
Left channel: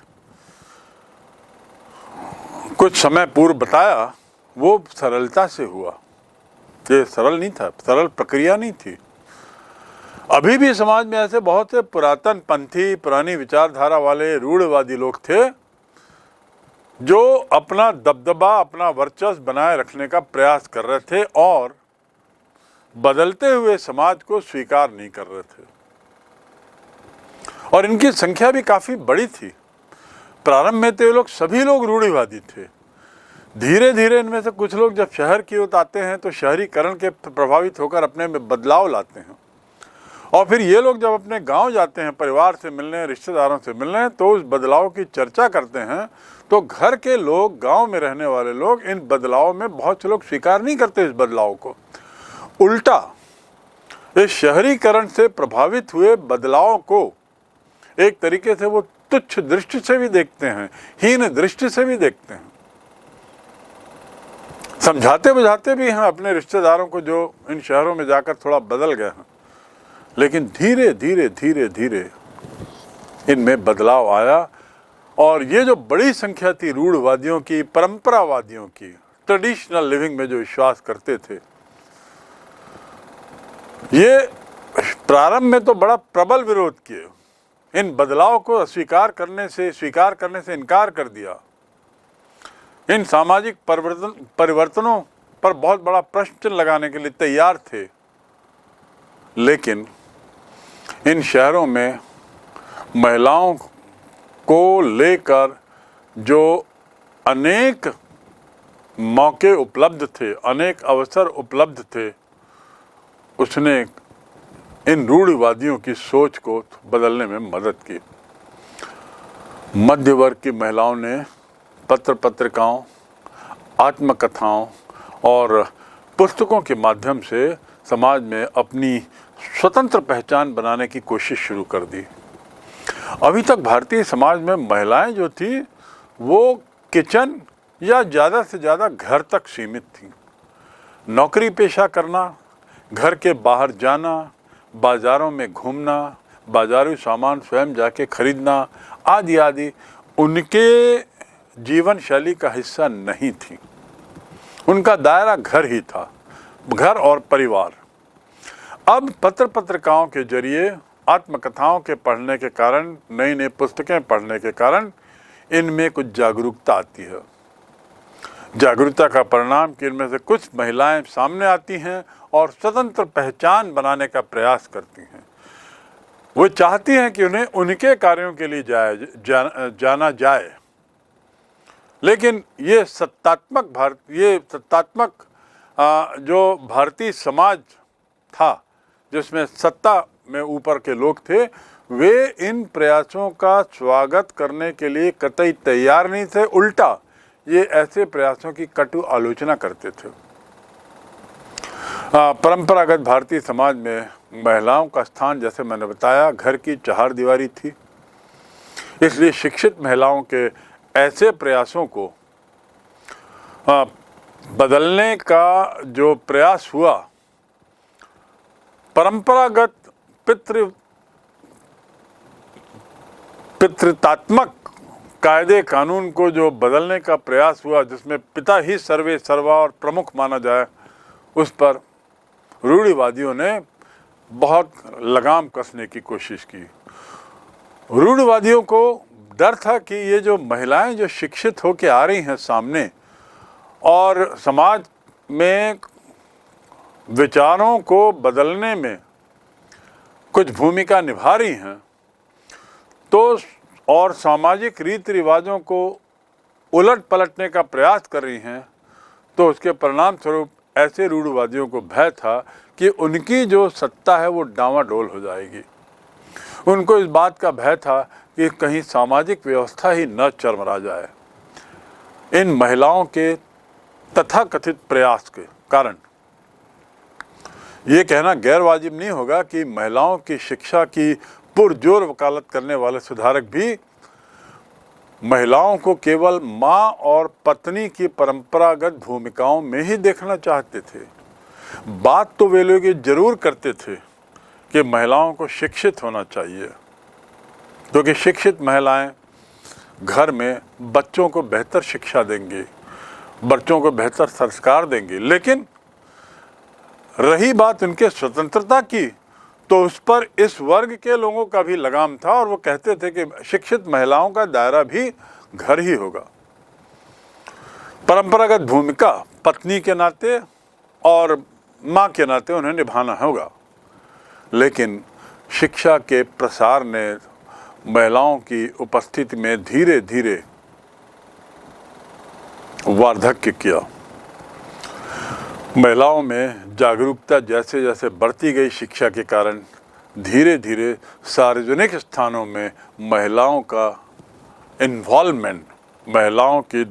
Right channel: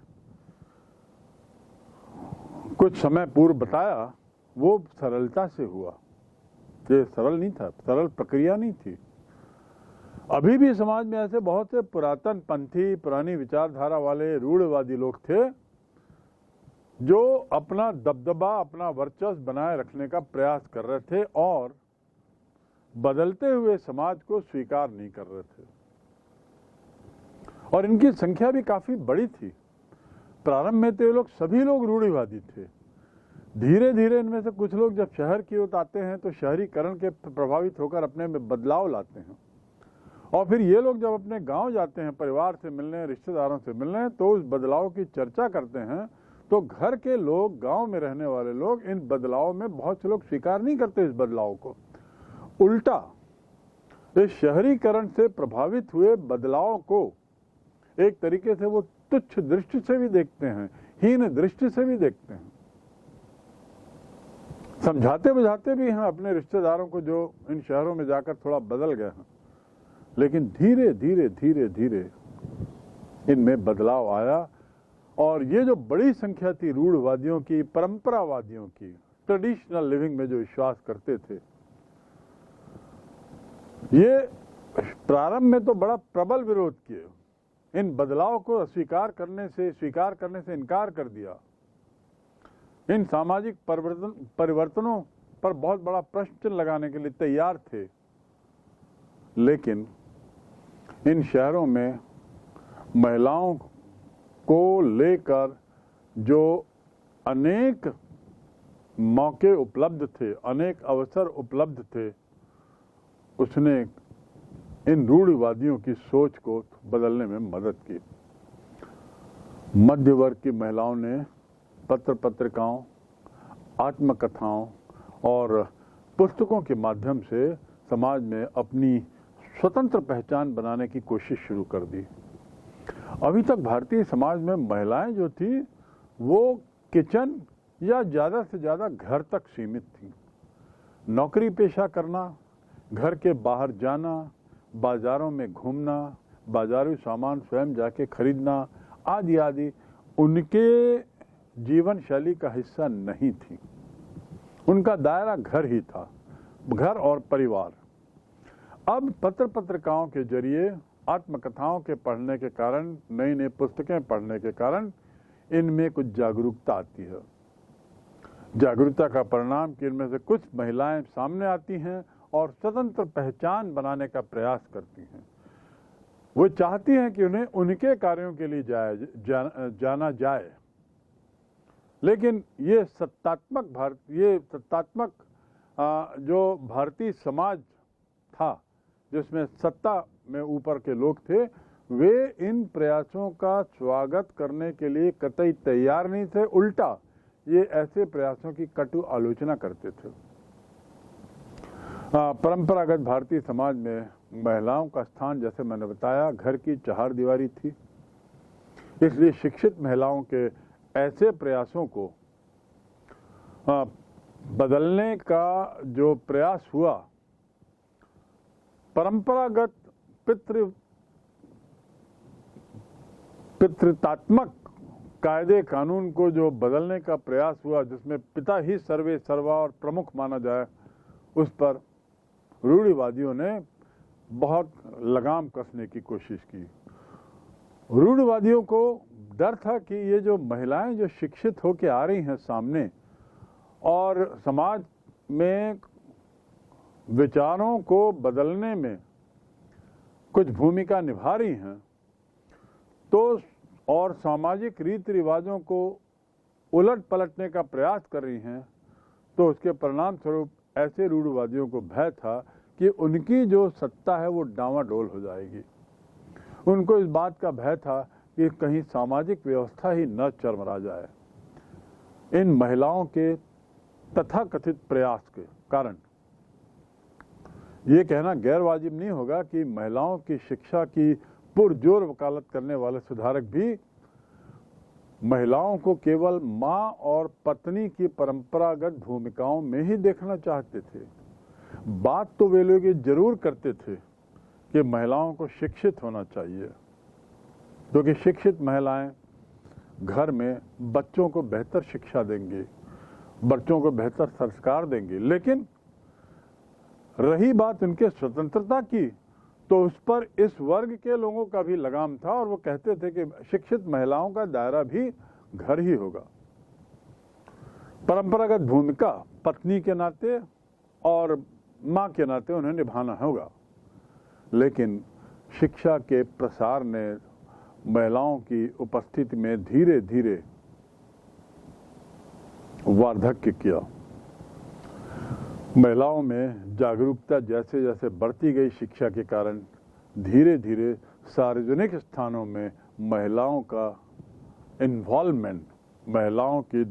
कुछ समय पूर्व बताया, वो सरलता से हुआ। ये सरल नहीं था, सरल प्रक्रिया नहीं थी। अभी भी समाज में ऐसे बहुत से पुरातन पंथी, पुरानी विचारधारा वाले रूढ़वादी लोग थे जो अपना दबदबा, अपना वर्चस्व बनाए रखने का प्रयास कर रहे थे और बदलते हुए समाज को स्वीकार नहीं कर रहे थे। और इनकी संख्या भी काफी बड़ी थी। प्रारंभ में तो ये लोग सभी लोग रूढ़िवादी थे। धीरे धीरे इनमें से कुछ लोग जब शहर की ओर आते हैं तो शहरीकरण के प्रभावित होकर अपने में बदलाव लाते हैं, और फिर ये लोग जब अपने गांव जाते हैं परिवार से मिलने, रिश्तेदारों से मिलने, तो उस बदलाव की चर्चा करते हैं। तो घर के लोग, गांव में रहने वाले लोग इन बदलाव में बहुत से लोग स्वीकार नहीं करते इस बदलाव को। उल्टा इस शहरीकरण से प्रभावित हुए बदलाव को एक तरीके से वो तुच्छ दृष्टि से भी देखते हैं, हीन दृष्टि से भी देखते हैं। समझाते बुझाते भी हैं अपने रिश्तेदारों को जो इन शहरों में जाकर थोड़ा बदल गए हैं, लेकिन धीरे धीरे धीरे धीरे इनमें बदलाव आया। और ये जो बड़ी संख्या थी रूढ़वादियों की, परंपरावादियों की, ट्रेडिशनल लिविंग में जो विश्वास करते थे, ये प्रारंभ में तो बड़ा प्रबल विरोध किए। इन बदलाव को स्वीकार करने से इनकार कर दिया। इन सामाजिक परिवर्तनों पर बहुत बड़ा प्रश्न लगाने के लिए तैयार थे। लेकिन इन शहरों में महिलाओं को लेकर जो अनेक मौके उपलब्ध थे, अनेक अवसर उपलब्ध थे, उसने इन रूढ़िवादियों की सोच को बदलने में मदद की। मध्य वर्ग की महिलाओं ने पत्रिकाओं, आत्मकथाओं और पुस्तकों के माध्यम से समाज में अपनी स्वतंत्र पहचान बनाने की कोशिश शुरू कर दी। अभी तक भारतीय समाज में महिलाएं जो थी वो किचन या ज़्यादा से ज़्यादा घर तक सीमित थी। नौकरी पेशा करना, घर के बाहर जाना, बाज़ारों में घूमना, बाजारी सामान स्वयं जाके खरीदना आदि आदि उनके जीवन शैली का हिस्सा नहीं थी। उनका दायरा घर ही था, घर और परिवार। अब पत्रिकाओं के जरिए, आत्मकथाओं के पढ़ने के कारण, नई नई पुस्तकें पढ़ने के कारण इनमें कुछ जागरूकता आती है। जागरूकता का परिणाम कि इनमें से कुछ महिलाएं सामने आती हैं और स्वतंत्र पहचान बनाने का प्रयास करती हैं। वो चाहती हैं कि उन्हें उनके कार्यों के लिए जाना जाए। लेकिन ये सत्तात्मक जो भारतीय समाज था, जिसमें सत्ता में ऊपर के लोग थे, वे इन प्रयासों का स्वागत करने के लिए कतई तैयार नहीं थे। उल्टा ये ऐसे प्रयासों की कटु आलोचना करते थे। परंपरागत भारतीय समाज में महिलाओं का स्थान, जैसे मैंने बताया, घर की चारदीवारी थी। इसलिए शिक्षित महिलाओं के ऐसे प्रयासों को बदलने का जो प्रयास हुआ, परंपरागत पितृतात्मक कायदे कानून को जो बदलने का प्रयास हुआ, जिसमें पिता ही सर्वे सर्वा और प्रमुख माना जाए, उस पर रूढ़िवादियों ने बहुत लगाम कसने की कोशिश की। रूढ़िवादियों को डर था कि ये जो महिलाएं जो शिक्षित होकर आ रही हैं सामने और समाज में विचारों को बदलने में कुछ भूमिका निभा रही हैं, तो और सामाजिक रीति रिवाजों को उलट पलटने का प्रयास कर रही हैं, तो उसके परिणाम स्वरूप ऐसे रूढ़िवादियों को भय था कि उनकी जो सत्ता है वो डामाडोल हो जाएगी। उनको इस बात का भय था कि कहीं सामाजिक व्यवस्था ही न चरमरा जाए। इन महिलाओं के तथाकथित प्रयास के कारण ये कहना गैर वाजिब नहीं होगा कि महिलाओं की शिक्षा की पुरजोर वकालत करने वाले सुधारक भी महिलाओं को केवल माँ और पत्नी की परंपरागत भूमिकाओं में ही देखना चाहते थे। बात तो वे लोग ये जरूर करते थे कि महिलाओं को शिक्षित होना चाहिए, क्योंकि शिक्षित महिलाएं घर में बच्चों को बेहतर शिक्षा देंगी, बच्चों को बेहतर संस्कार देंगी। लेकिन रही बात उनके स्वतंत्रता की, तो उस पर इस वर्ग के लोगों का भी लगाम था और वो कहते थे कि शिक्षित महिलाओं का दायरा भी घर ही होगा। परंपरागत भूमिका पत्नी के नाते और माँ के नाते उन्हें निभाना होगा। लेकिन शिक्षा के प्रसार ने महिलाओं की उपस्थिति में धीरे धीरे वार्धक्य किया। महिलाओं में जागरूकता जैसे जैसे बढ़ती गई शिक्षा के कारण धीरे धीरे सार्वजनिक स्थानों में महिलाओं का इन्वॉल्वमेंट, महिलाओं की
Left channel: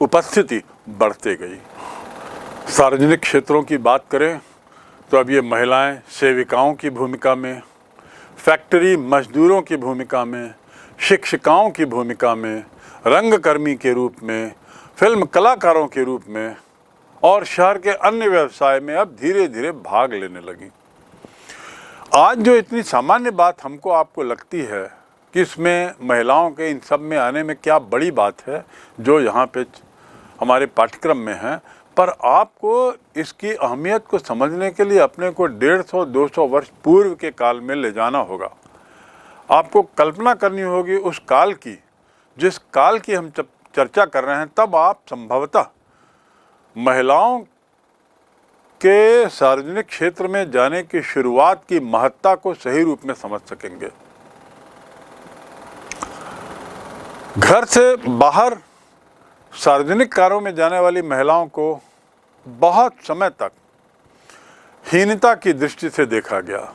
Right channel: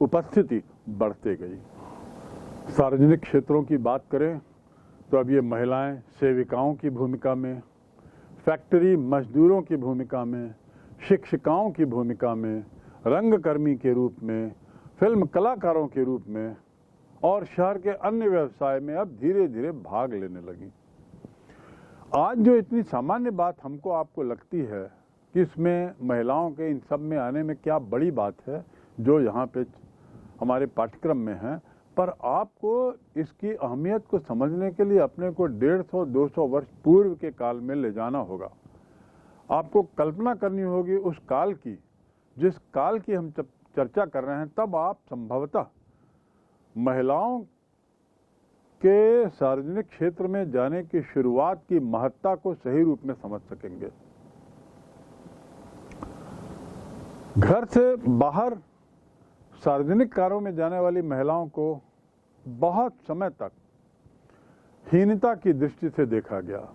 उपस्थिति बढ़ती गई। सार्वजनिक क्षेत्रों की बात करें तो अब ये महिलाएं सेविकाओं की भूमिका में, फैक्ट्री मजदूरों की भूमिका में, शिक्षिकाओं की भूमिका में, रंगकर्मी के रूप में, फिल्म कलाकारों के रूप में और शहर के अन्य व्यवसाय में अब धीरे धीरे भाग लेने लगी। आज जो इतनी सामान्य बात हमको आपको लगती है कि इसमें महिलाओं के इन सब में आने में क्या बड़ी बात है जो यहाँ पे हमारे पाठ्यक्रम में है, पर आपको इसकी अहमियत को समझने के लिए अपने को 150-200 वर्ष पूर्व के काल में ले जाना होगा। आपको कल्पना करनी होगी उस काल की, जिस काल की हम चर्चा कर रहे हैं। तब आप संभवतः महिलाओं के सार्वजनिक क्षेत्र में जाने की शुरुआत की महत्ता को सही रूप में समझ सकेंगे। घर से बाहर सार्वजनिक कार्यों में जाने वाली महिलाओं को बहुत समय तक हीनता की दृष्टि से देखा गया।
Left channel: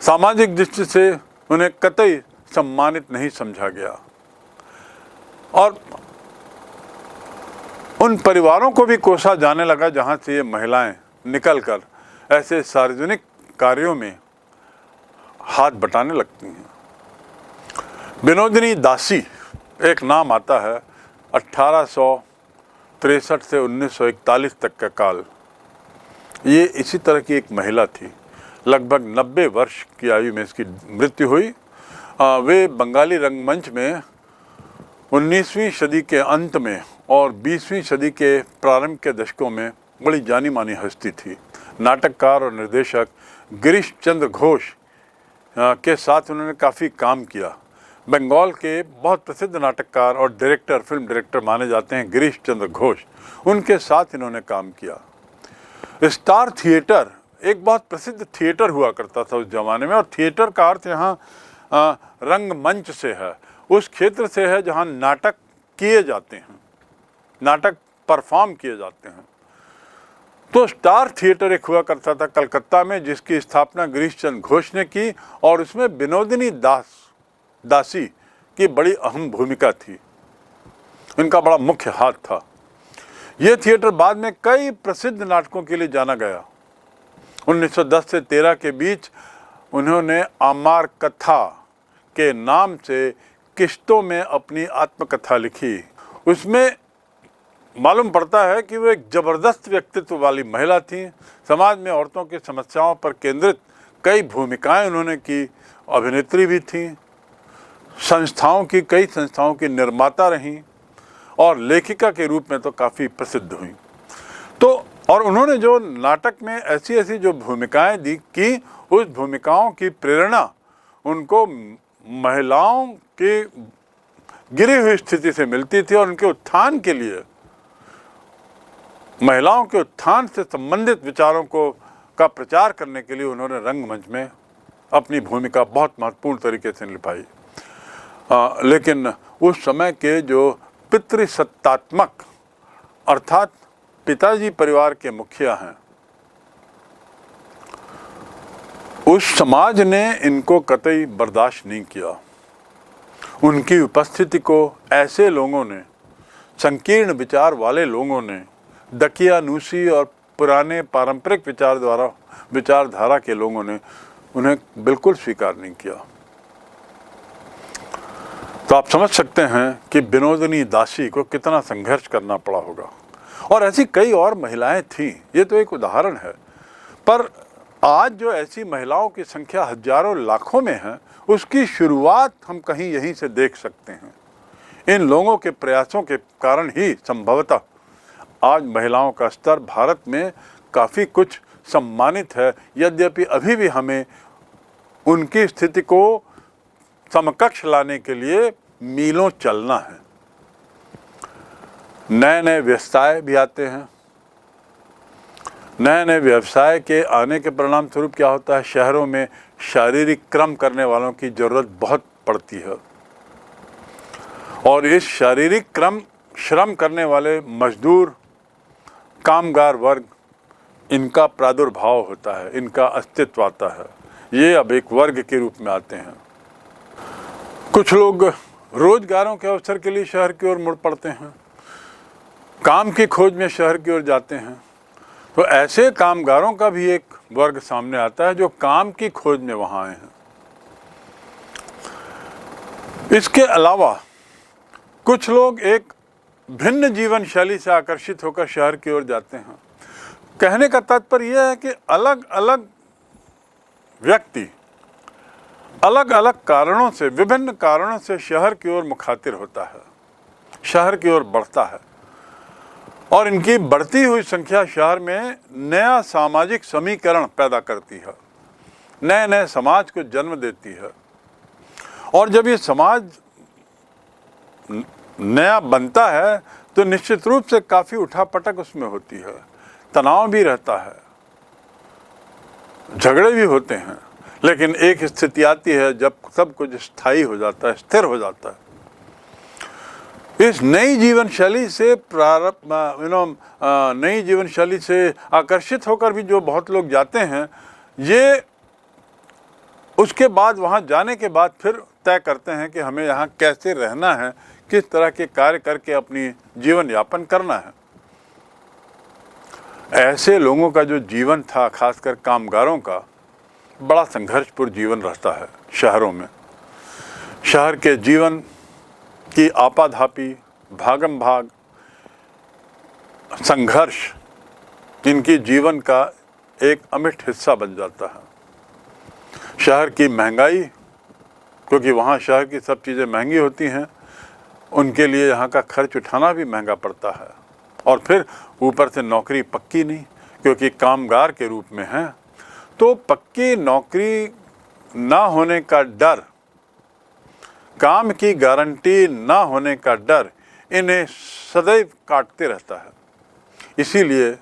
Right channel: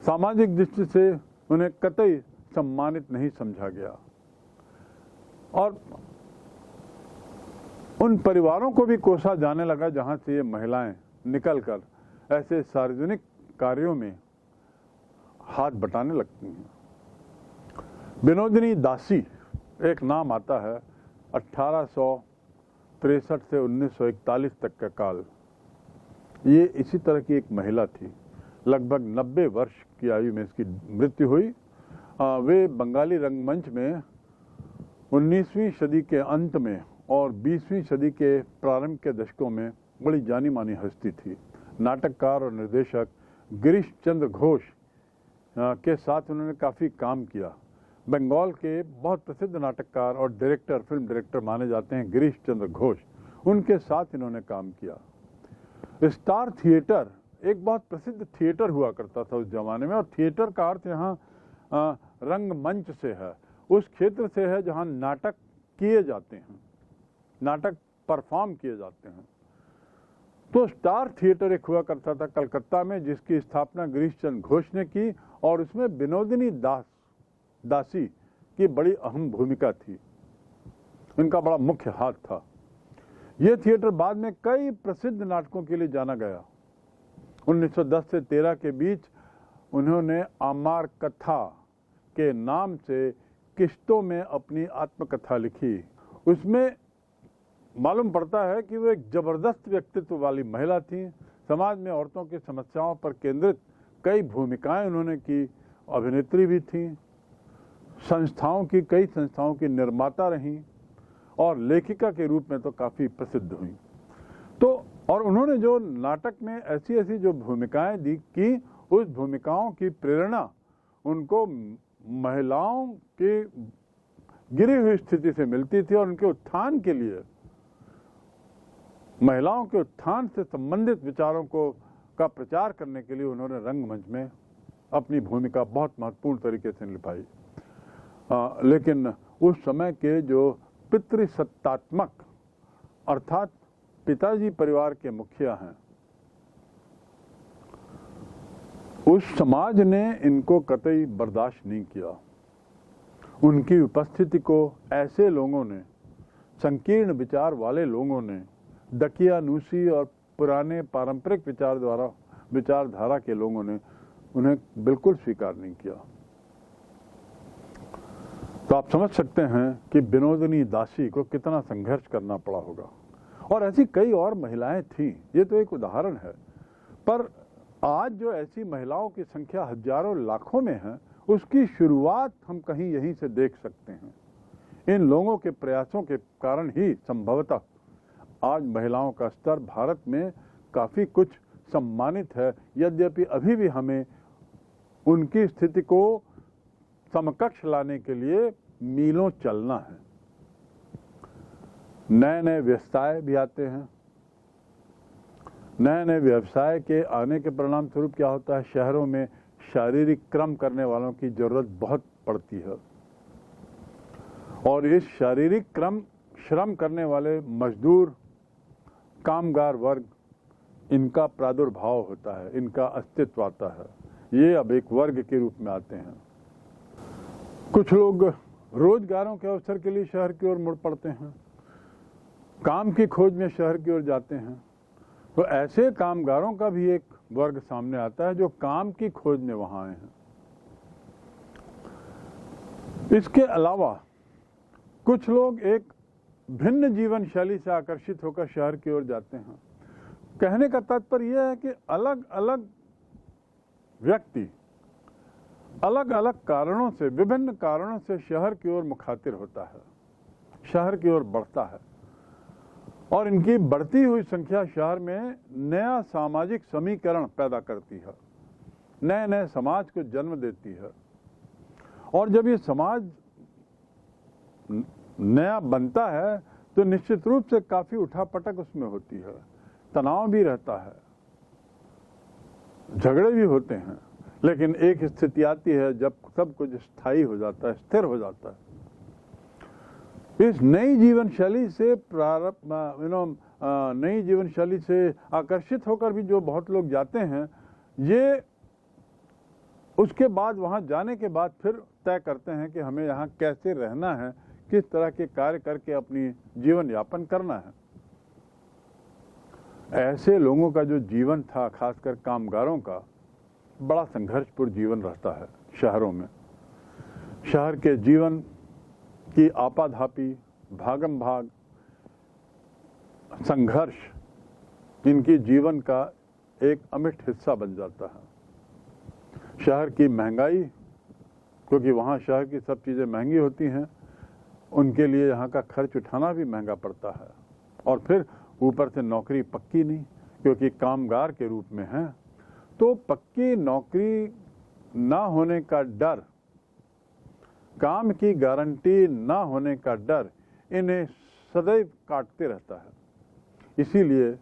सामाजिक दृष्टि से उन्हें कतई सम्मानित नहीं समझा गया और उन परिवारों को भी कोसा जाने लगा जहां से ये महिलाएं निकलकर ऐसे सार्वजनिक कार्यों में हाथ बटाने लगती हैं। विनोदिनी दासी एक नाम आता है। 1863 से 1941 तक का काल, ये इसी तरह की एक महिला थी। लगभग 90 वर्ष की आयु में इसकी मृत्यु हुई। वे बंगाली रंगमंच में 19वीं सदी के अंत में और 20वीं सदी के प्रारंभ के दशकों में बड़ी जानी मानी हस्ती थी। नाटककार और निर्देशक गिरीश चंद्र घोष के साथ उन्होंने काफ़ी काम किया। बंगाल के बहुत प्रसिद्ध नाटककार और डायरेक्टर, फिल्म डायरेक्टर माने जाते हैं गिरीश चंद्र घोष, उनके साथ इन्होंने काम किया। स्टार थिएटर एक बहुत प्रसिद्ध थिएटर हुआ करता था उस जमाने में, और थिएटर का अर्थ यहाँ रंगमंच से है, उस क्षेत्र से है जहाँ नाटक किए जाते हैं, नाटक परफॉर्म किए जाते हैं। तो स्टार थिएटर एक हुआ करता था कलकत्ता में, जिसकी स्थापना गिरीश चंद्र घोष ने की और उसमें विनोदिनी दासी की बड़ी अहम भूमिका थी। इनका बड़ा मुख्य हाथ था। यह थिएटर बाद में कई प्रसिद्ध नाटकों के लिए जाना गया। 1910 से 13 के बीच उन्होंने आमार कथा के नाम से किश्तों में अपनी आत्मकथा लिखी। उसमें मालूम पड़ता है कि वो एक जबरदस्त व्यक्तित्व वाली महिला थी। समाज में औरतों की समस्याओं पर केंद्रित कई भूमिकाएं उन्होंने की। अभिनेत्री भी थी, कई संस्थाओं की निर्माता रहीं और लेखिका के रूप में तो काफ़ी प्रसिद्ध हुई। तो और उन्होंने जो नाटक में ऐसी ऐसी जो भूमिकाएं दी की, उस भूमिकाओं की प्रेरणा उनको महिलाओं की गिरी हुई स्थिति से मिलती थी और उनके उत्थान के लिए, महिलाओं के उत्थान से संबंधित विचारों का प्रचार करने के लिए उन्होंने रंगमंच में अपनी भूमिका बहुत महत्वपूर्ण तरीके से निभाई। लेकिन उस समय के जो पितृसत्तात्मक अर्थात पिताजी परिवार के मुखिया हैं, उस समाज ने इनको कतई बर्दाश्त नहीं किया। उनकी उपस्थिति को ऐसे लोगों ने, संकीर्ण विचार वाले लोगों ने, दकियानूसी और पुराने पारंपरिक विचारधारा के लोगों ने उन्हें बिल्कुल स्वीकार नहीं किया। तो आप समझ सकते हैं कि विनोदिनी दासी को कितना संघर्ष करना पड़ा होगा। और ऐसी कई और महिलाएं थीं, ये तो एक उदाहरण है, पर आज जो ऐसी महिलाओं की संख्या हजारों लाखों में है, उसकी शुरुआत हम कहीं यहीं से देख सकते हैं। इन लोगों के प्रयासों के कारण ही संभवतः आज महिलाओं का स्तर भारत में काफ़ी कुछ सम्मानित है, यद्यपि अभी भी हमें उनकी स्थिति को समकक्ष लाने के लिए मीलों चलना है। नए नए व्यवसाय भी आते हैं। नए नए व्यवसाय के आने के परिणाम स्वरूप क्या होता है, शहरों में शारीरिक श्रम करने वालों की ज़रूरत बहुत पड़ती है, और इस शारीरिक श्रम करने वाले मजदूर, कामगार वर्ग, इनका प्रादुर्भाव होता है, इनका अस्तित्व आता है। ये अब एक वर्ग के रूप में आते हैं। कुछ लोग रोजगारों के अवसर के लिए शहर की ओर मुड़ पड़ते हैं, काम की खोज में शहर की ओर जाते हैं। तो ऐसे कामगारों का भी एक वर्ग सामने आता है जो काम की खोज में वहाँ आए हैं। इसके अलावा कुछ लोग एक भिन्न जीवन शैली से आकर्षित होकर शहर की ओर जाते हैं। कहने का तात्पर्य यह है कि अलग अलग व्यक्ति अलग अलग कारणों से, विभिन्न कारणों से शहर की ओर मुखातिर होता है, शहर की ओर बढ़ता है, और इनकी बढ़ती हुई संख्या शहर में नया सामाजिक समीकरण पैदा करती है, नए नए समाज को जन्म देती है। और जब ये समाज नया बनता है तो निश्चित रूप से काफ़ी उठापटक उसमें होती है, तनाव भी रहता है, झगड़े भी होते हैं। लेकिन एक स्थिति आती है जब सब कुछ स्थायी हो जाता है, स्थिर हो जाता है। इस नई जीवन शैली से नई जीवन शैली से आकर्षित होकर भी जो बहुत लोग जाते हैं, ये उसके बाद वहाँ जाने के बाद फिर तय करते हैं कि हमें यहाँ कैसे रहना है, किस तरह के कार्य करके अपनी जीवन यापन करना है। ऐसे लोगों का जो जीवन था, खासकर कामगारों का, बड़ा संघर्षपूर्ण जीवन रहता है शहरों में। शहर के जीवन की आपाधापी, भागम भाग, संघर्ष इनकी जीवन का एक अमिट हिस्सा बन जाता है। शहर की महंगाई, क्योंकि वहाँ शहर की सब चीज़ें महंगी होती हैं, उनके लिए यहाँ का खर्च उठाना भी महंगा पड़ता है। और फिर ऊपर से नौकरी पक्की नहीं, क्योंकि कामगार के रूप में है, तो पक्की नौकरी ना होने का डर, काम की गारंटी ना होने का डर इन्हें सदैव काटते रहता है। इसीलिए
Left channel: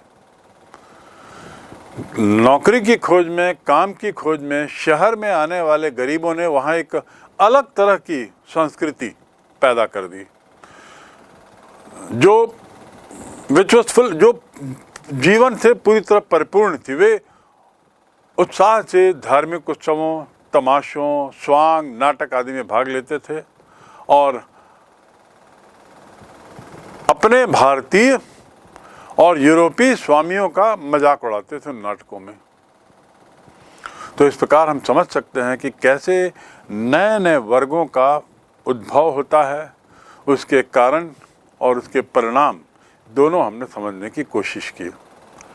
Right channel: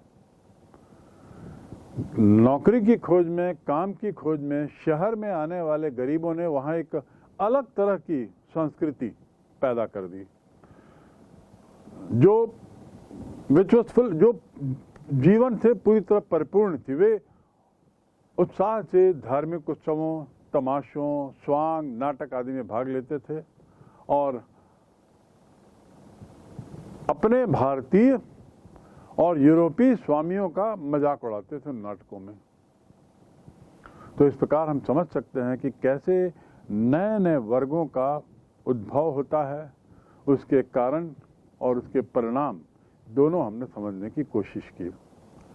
नौकरी की खोज में, काम की खोज में शहर में आने वाले गरीबों ने वहाँ एक अलग तरह की संस्कृति पैदा कर दी, जो विचवसफुल, जो जीवन से पूरी तरह परिपूर्ण थी। वे उत्साह से धार्मिक उत्सवों, तमाशों, स्वांग, नाटक आदि में भाग लेते थे और अपने भारतीय और यूरोपीय स्वामियों का मजाक उड़ाते थे नाटकों में। तो इस प्रकार हम समझ सकते हैं कि कैसे नए नए वर्गों का उद्भव होता है, उसके कारण और उसके परिणाम दोनों हमने समझने की कोशिश की।